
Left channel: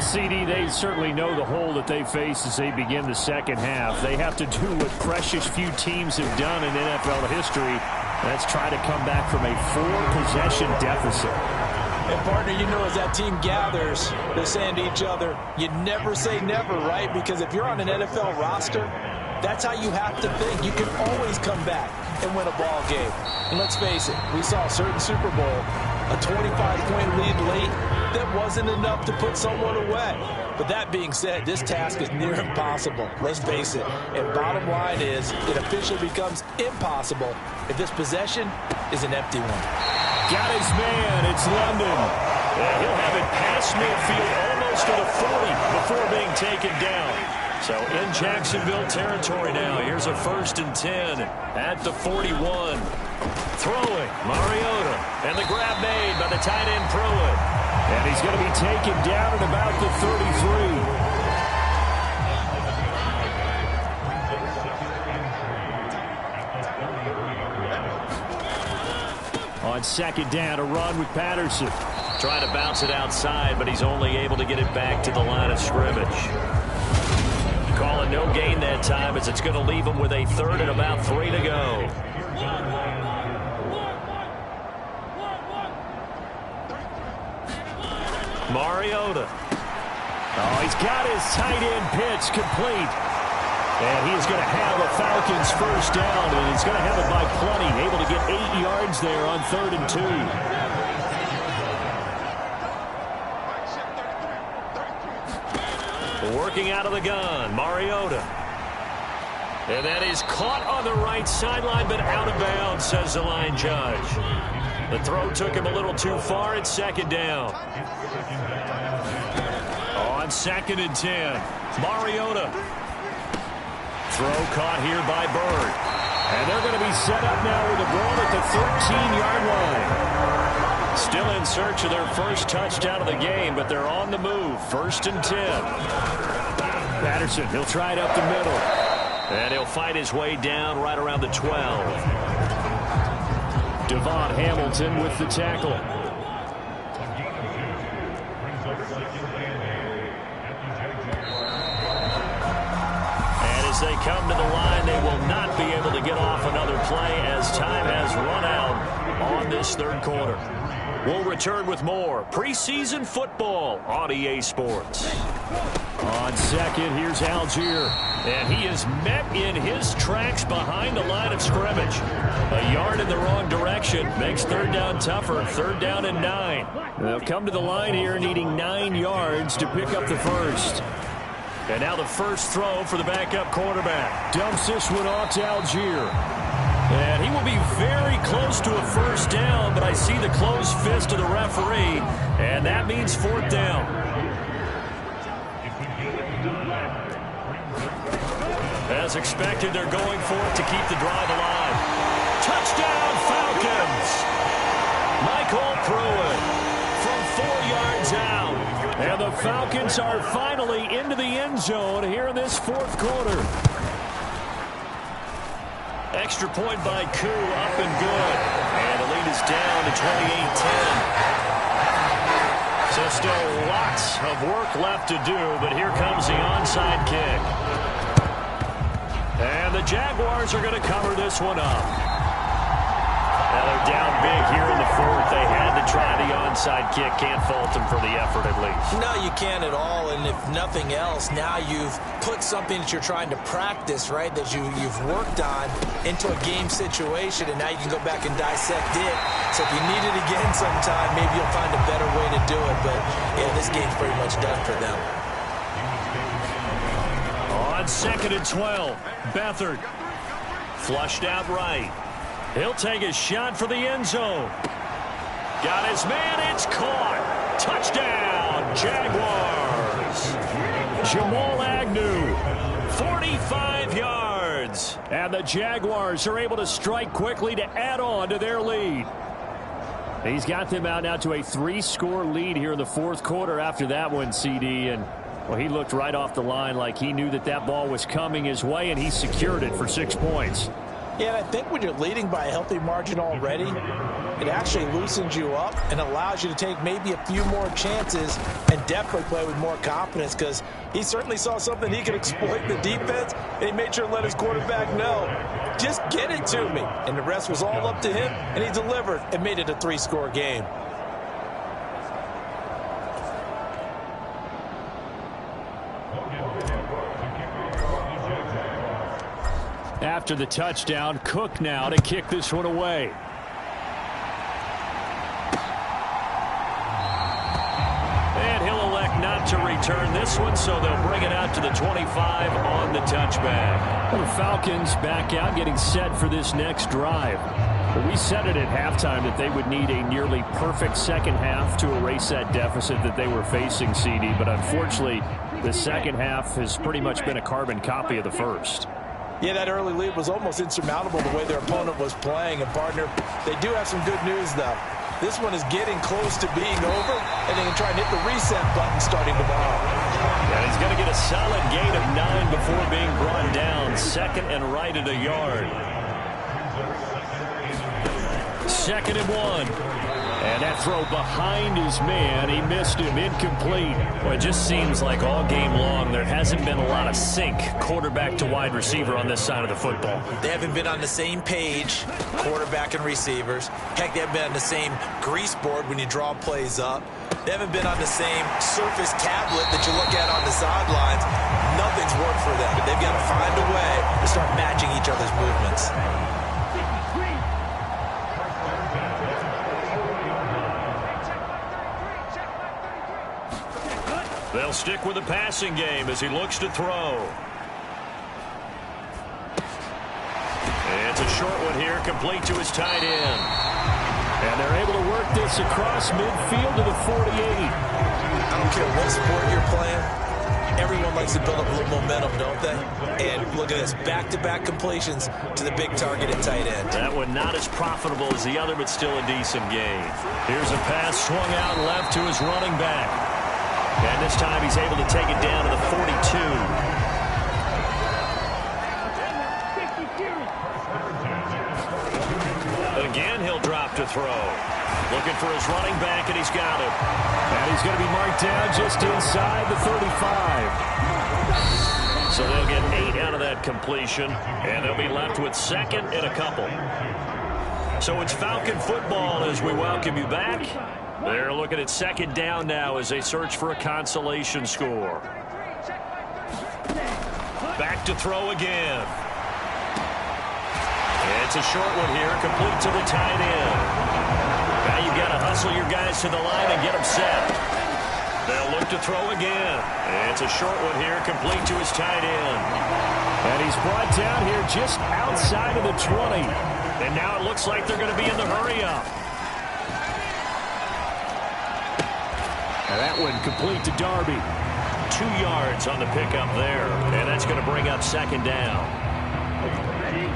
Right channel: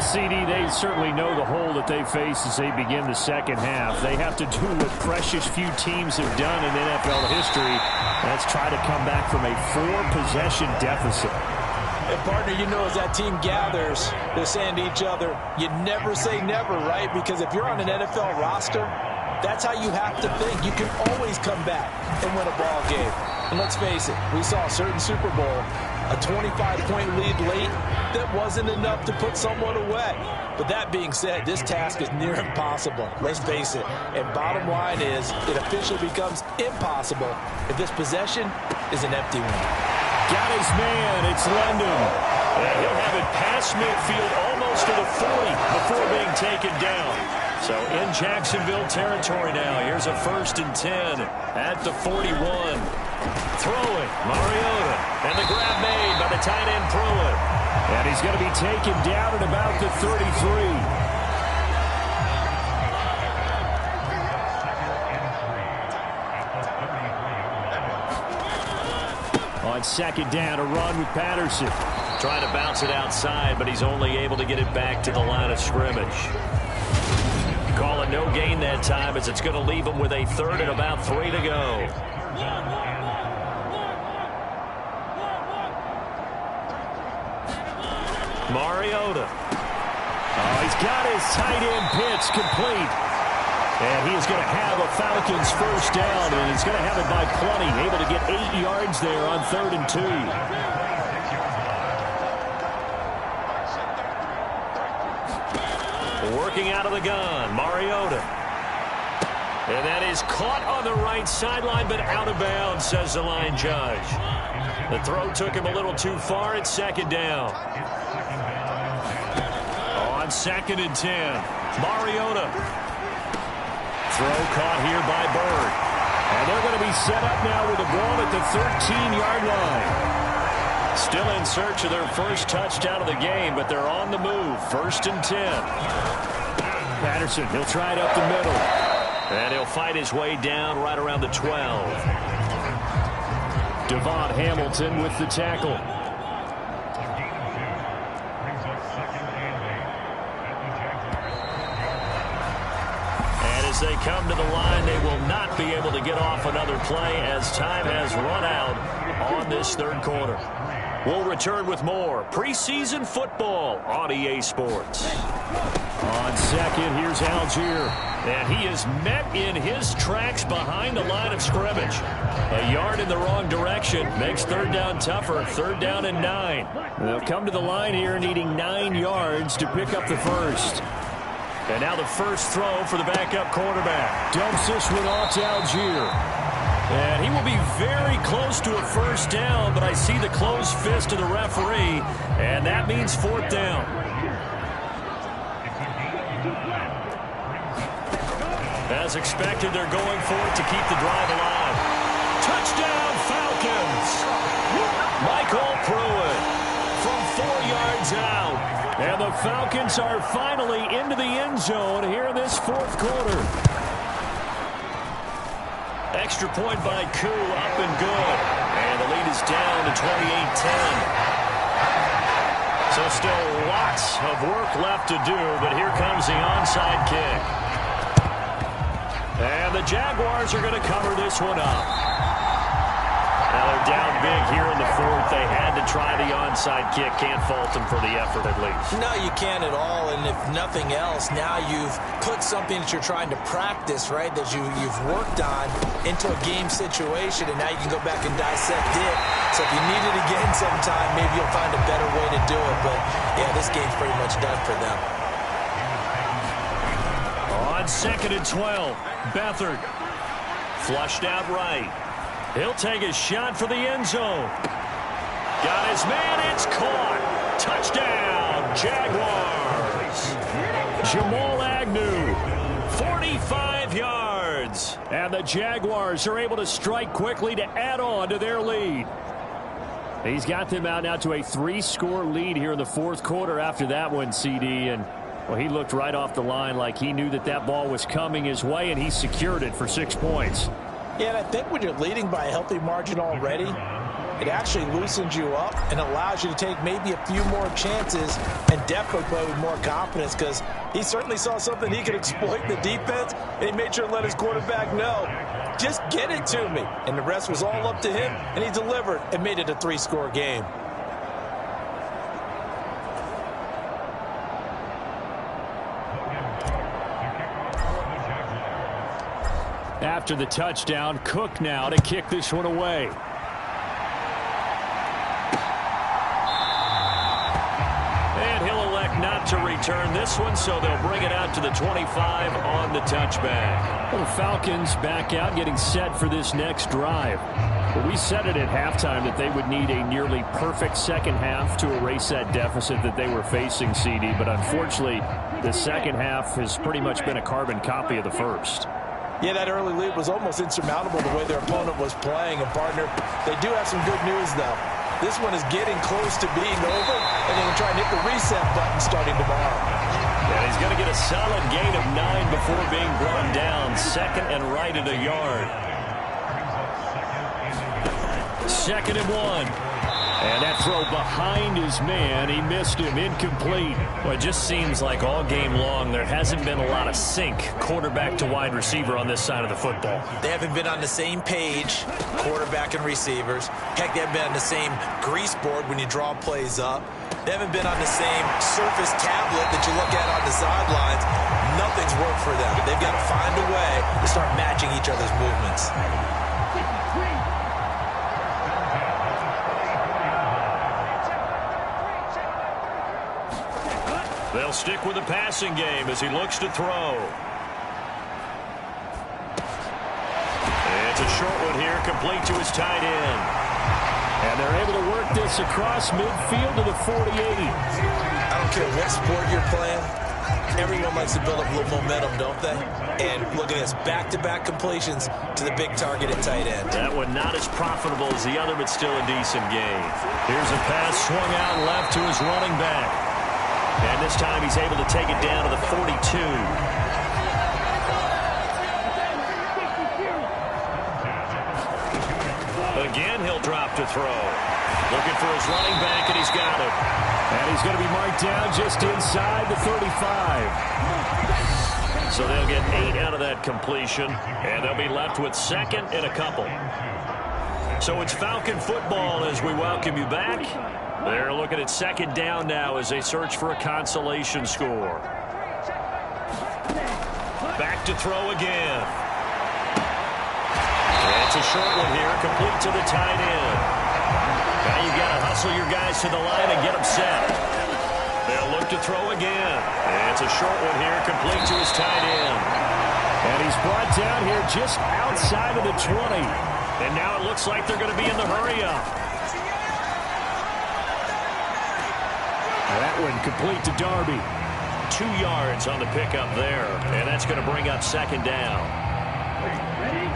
CD, they certainly know the hole that they face as they begin the second half. They have to do what precious few teams have done in NFL history. That's try to come back from a 4-possession deficit. And, partner, you know, as that team gathers, they're saying to each other, you never say never, right? Because if you're on an NFL roster, that's how you have to think. You can always come back and win a ball game. And let's face it, we saw a certain Super Bowl, a 25-point lead late, that wasn't enough to put someone away. But that being said, this task is near impossible. Let's face it. And bottom line is, it officially becomes impossible if this possession is an empty one. Got his man. It's London. And he'll have it past midfield almost to the 40 before being taken down. So in Jacksonville territory now. Here's a 1st and 10 at the 41. Throwing, Mariota. And the grab made by the tight end Pruitt. And he's going to be taken down at about the 33. On 2nd down, a run with Patterson. Trying to bounce it outside, but he's only able to get it back to the line of scrimmage. Calling no gain that time as it's going to leave him with a 3rd and about 3 to go. Mariota. Oh, he's got his tight end pitch complete. And he is going to have a Falcons 1st down, and he's going to have it by plenty. Able to get 8 yards there on 3rd and 2. Working out of the gun, Mariota. And that is caught on the right sideline, but out of bounds, says the line judge. The throw took him a little too far. It's 2nd down. On 2nd and 10, Mariota. Throw caught here by Bird. And they're going to be set up now with the ball at the 13-yard line. Still in search of their first touchdown of the game, but they're on the move. 1st and 10. Patterson, he'll try it up the middle. And he'll fight his way down right around the 12. Devon Hamilton with the tackle. And as they come to the line, they will not be able to get off another play as time has run out on this third quarter. We'll return with more preseason football on EA Sports. On second, here's Algier. And he is met in his tracks behind the line of scrimmage. A yard in the wrong direction makes third down tougher. 3rd down and 9. They'll come to the line here needing 9 yards to pick up the first. And now the first throw for the backup quarterback. Dumps this one off to Algier. And he will be very close to a first down, but I see the closed fist of the referee, and that means 4th down. As expected, they're going for it to keep the drive alive. Touchdown, Falcons! Michael Pruitt from 4 yards out. And the Falcons are finally into the end zone here in this 4th quarter. Extra point by Koo, up and good. And the lead is down to 28-10. So still lots of work left to do, but here comes the onside kick. And the Jaguars are going to cover this one up. Now they're down big here in the 4th. They had to try the onside kick. Can't fault them for the effort at least. No, you can't at all. And if nothing else, now you've put something that you're trying to practice, right, that you've worked on into a game situation, and now you can go back and dissect it. So if you need it again sometime, maybe you'll find a better way to do it. But, yeah, this game's pretty much done for them. On 2nd and 12, Beathard flushed out right. He'll take a shot for the end zone. Got his man. It's caught. Touchdown, Jaguars. Jamal Agnew, 45 yards. And the Jaguars are able to strike quickly to add on to their lead. He's got them out now to a 3-score lead here in the 4th quarter after that one, CD. And, well, he looked right off the line like he knew that that ball was coming his way, and he secured it for 6 points. Yeah, and I think when you're leading by a healthy margin already, it actually loosens you up and allows you to take maybe a few more chances and definitely play with more confidence, because he certainly saw something he could exploit in the defense, and he made sure to let his quarterback know, just get it to me. And the rest was all up to him, and he delivered and made it a 3-score game. After the touchdown, Cook now to kick this one away. And he'll elect not to return this one, so they'll bring it out to the 25 on the touchback. Well, the Falcons back out, getting set for this next drive. Well, we said it at halftime that they would need a nearly perfect second half to erase that deficit that they were facing, CD. But unfortunately, the second half has pretty much been a carbon copy of the first. Yeah, that early lead was almost insurmountable the way their opponent was playing. And, partner, they do have some good news, though. This one is getting close to being over, and they can try and hit the reset button starting tomorrow. And he's going to get a solid gain of 9 before being brought down. 2nd and right at a yard. 2nd and 1. And that throw behind his man, he missed him, incomplete. Well, it just seems like all game long there hasn't been a lot of sync quarterback to wide receiver on this side of the football. They haven't been on the same page, quarterback and receivers. Heck, they haven't been on the same grease board when you draw plays up. They haven't been on the same surface tablet that you look at on the sidelines. Nothing's worked for them. They've got to find a way to start matching each other's movements. They'll stick with the passing game as he looks to throw. It's a short one here, complete to his tight end. And they're able to work this across midfield to the 48. I don't care what sport you're playing. Everyone likes to build up a little momentum, don't they? And look at this, back-to-back completions to the big target at tight end. That one not as profitable as the other, but still a decent gain. Here's a pass swung out left to his running back. And this time he's able to take it down to the 42. Again, he'll drop snap to throw. Looking for his running back, and he's got him. And he's going to be marked down just inside the 35. So they'll get 8 out of that completion, and they'll be left with second and a couple. So it's Falcon football as we welcome you back. They're looking at second down now as they search for a consolation score. Back to throw again. It's a short one here, complete to the tight end. Now you've got to hustle your guys to the line and get them set. They'll look to throw again. It's a short one here, complete to his tight end. And he's brought down here just outside of the 20. And now it looks like they're going to be in the hurry-up. And that one complete to Darby. 2 yards on the pickup there. And that's going to bring up second down. Ready?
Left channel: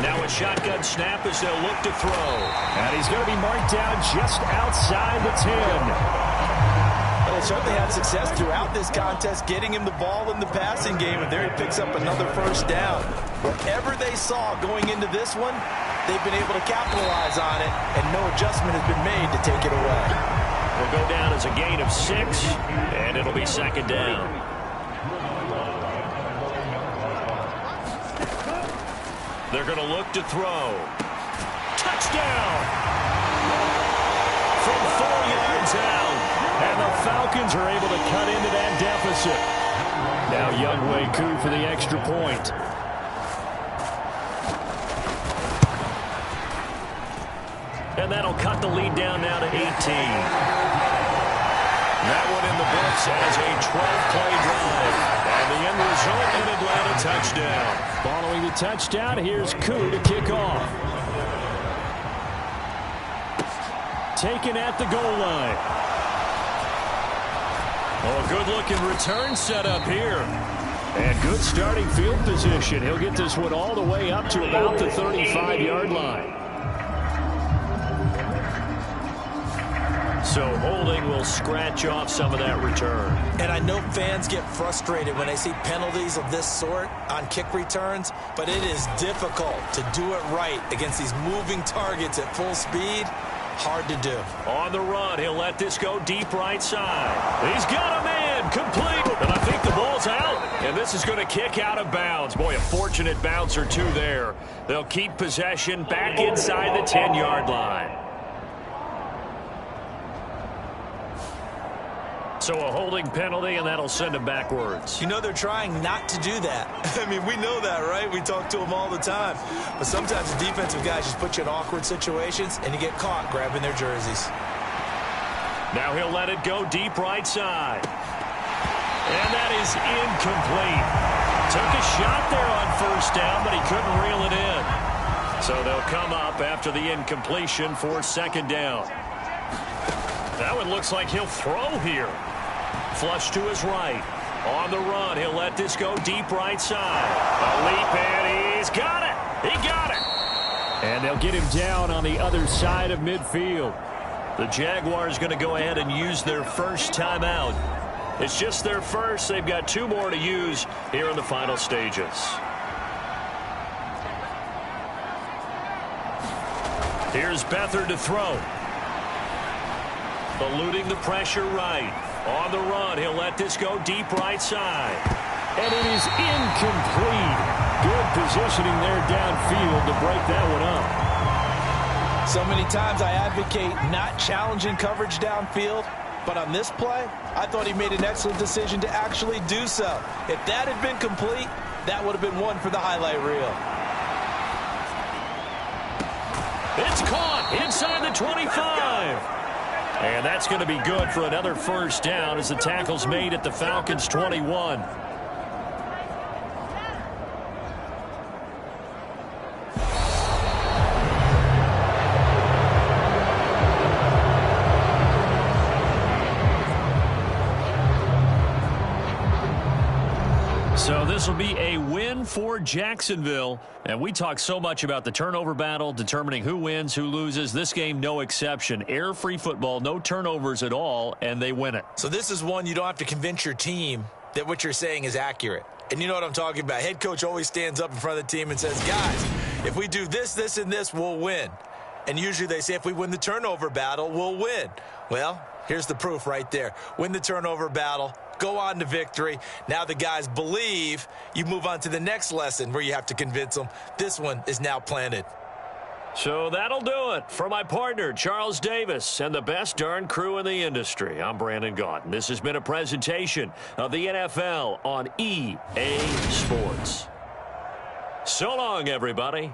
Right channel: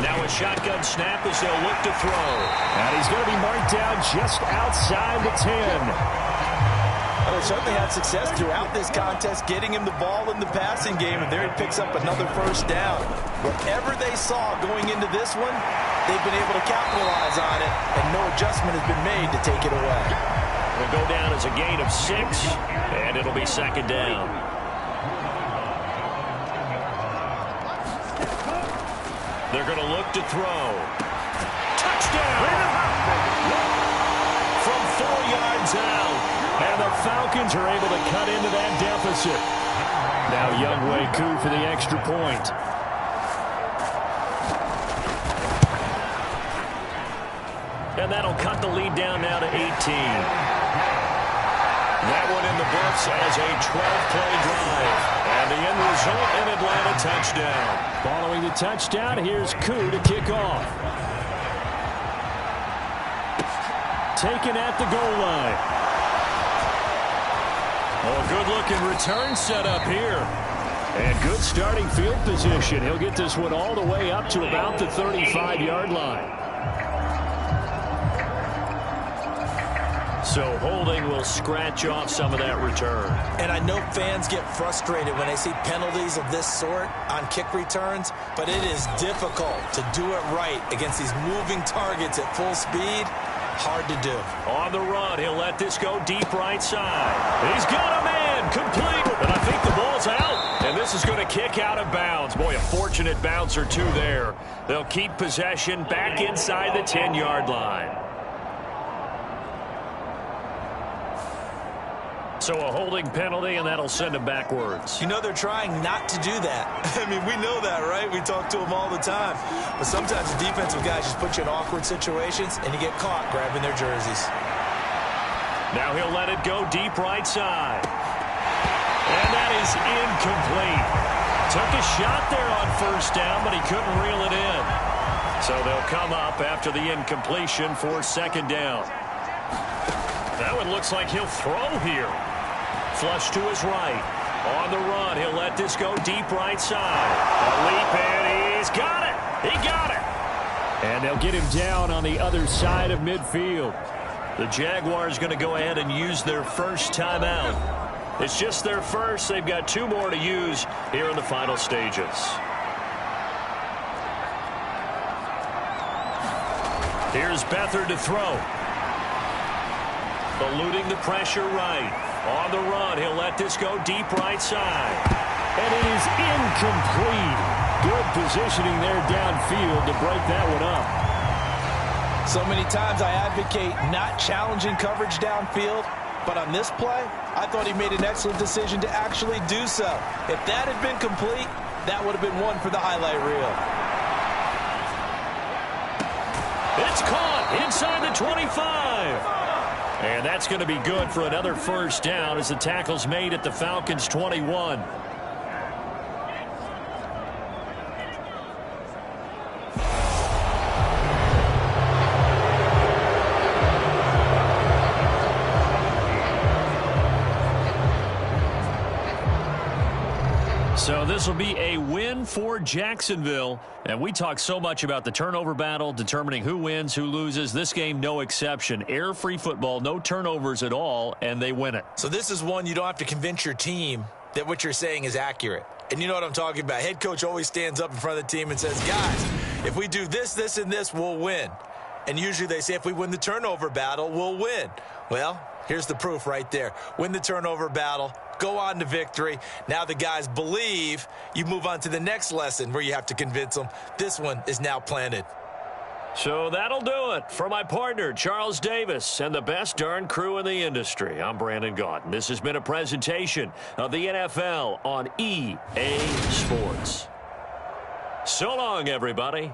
Now a shotgun snap as they'll look to throw. And he's going to be marked down just outside the 10. Well, they certainly had success throughout this contest, getting him the ball in the passing game, and there he picks up another first down. Whatever they saw going into this one, they've been able to capitalize on it, and no adjustment has been made to take it away. Will go down as a gain of 6, and it'll be second down. They're going to look to throw. Touchdown! From 4 yards out. And the Falcons are able to cut into that deficit. Now Younghoe Koo for the extra point. And that'll cut the lead down now to 18. That one in the books as a 12-play drive. And the end result, an Atlanta touchdown. Following the touchdown, here's Koo to kick off. Taken at the goal line. Oh, good-looking return set up here. And good starting field position. He'll get this one all the way up to about the 35-yard line. So holding will scratch off some of that return. And I know fans get frustrated when they see penalties of this sort on kick returns, but it is difficult to do it right against these moving targets at full speed. Hard to do. On the run, he'll let this go deep right side. He's got a man, complete. And I think the ball's out. And this is going to kick out of bounds. Boy, a fortunate bounce or two there. They'll keep possession back inside the 10-yard line. So a holding penalty, and that'll send him backwards. You know they're trying not to do that. I mean, we know that, right? We talk to them all the time. But sometimes the defensive guys just put you in awkward situations, and you get caught grabbing their jerseys. Now he'll let it go deep right side. And that is incomplete. Took a shot there on first down, but he couldn't reel it in. So they'll come up after the incompletion for second down. That one looks like he'll throw here. Flush to his right. On the run, he'll let this go deep right side. A leap, and he's got it. He got it. And they'll get him down on the other side of midfield. The Jaguars going to go ahead and use their first timeout. It's just their first. They've got 2 more to use here in the final stages. Here's Beathard to throw. Eluding the pressure right. On the run, he'll let this go deep right side. And it is incomplete. Good positioning there downfield to break that one up. So many times I advocate not challenging coverage downfield, but on this play, I thought he made an excellent decision to actually do so. If that had been complete, that would have been one for the highlight reel. It's caught inside the 25. And that's going to be good for another first down as the tackle's made at the Falcons' 21. So this will be a win for Jacksonville. And we talk so much about the turnover battle, determining who wins, who loses. This game, no exception. Air-free football, no turnovers at all, and they win it. So this is one you don't have to convince your team that what you're saying is accurate. And you know what I'm talking about. Head coach always stands up in front of the team and says, guys, if we do this, this, and this, we'll win. And usually they say if we win the turnover battle, we'll win. Well, here's the proof right there. Win the turnover battle, go on to victory. Now the guys believe. You move on to the next lesson where you have to convince them. This one is now planted. So that'll do it. For my partner, Charles Davis, and the best darn crew in the industry, I'm Brandon Gaudin. This has been a presentation of the NFL on EA Sports. So long, everybody.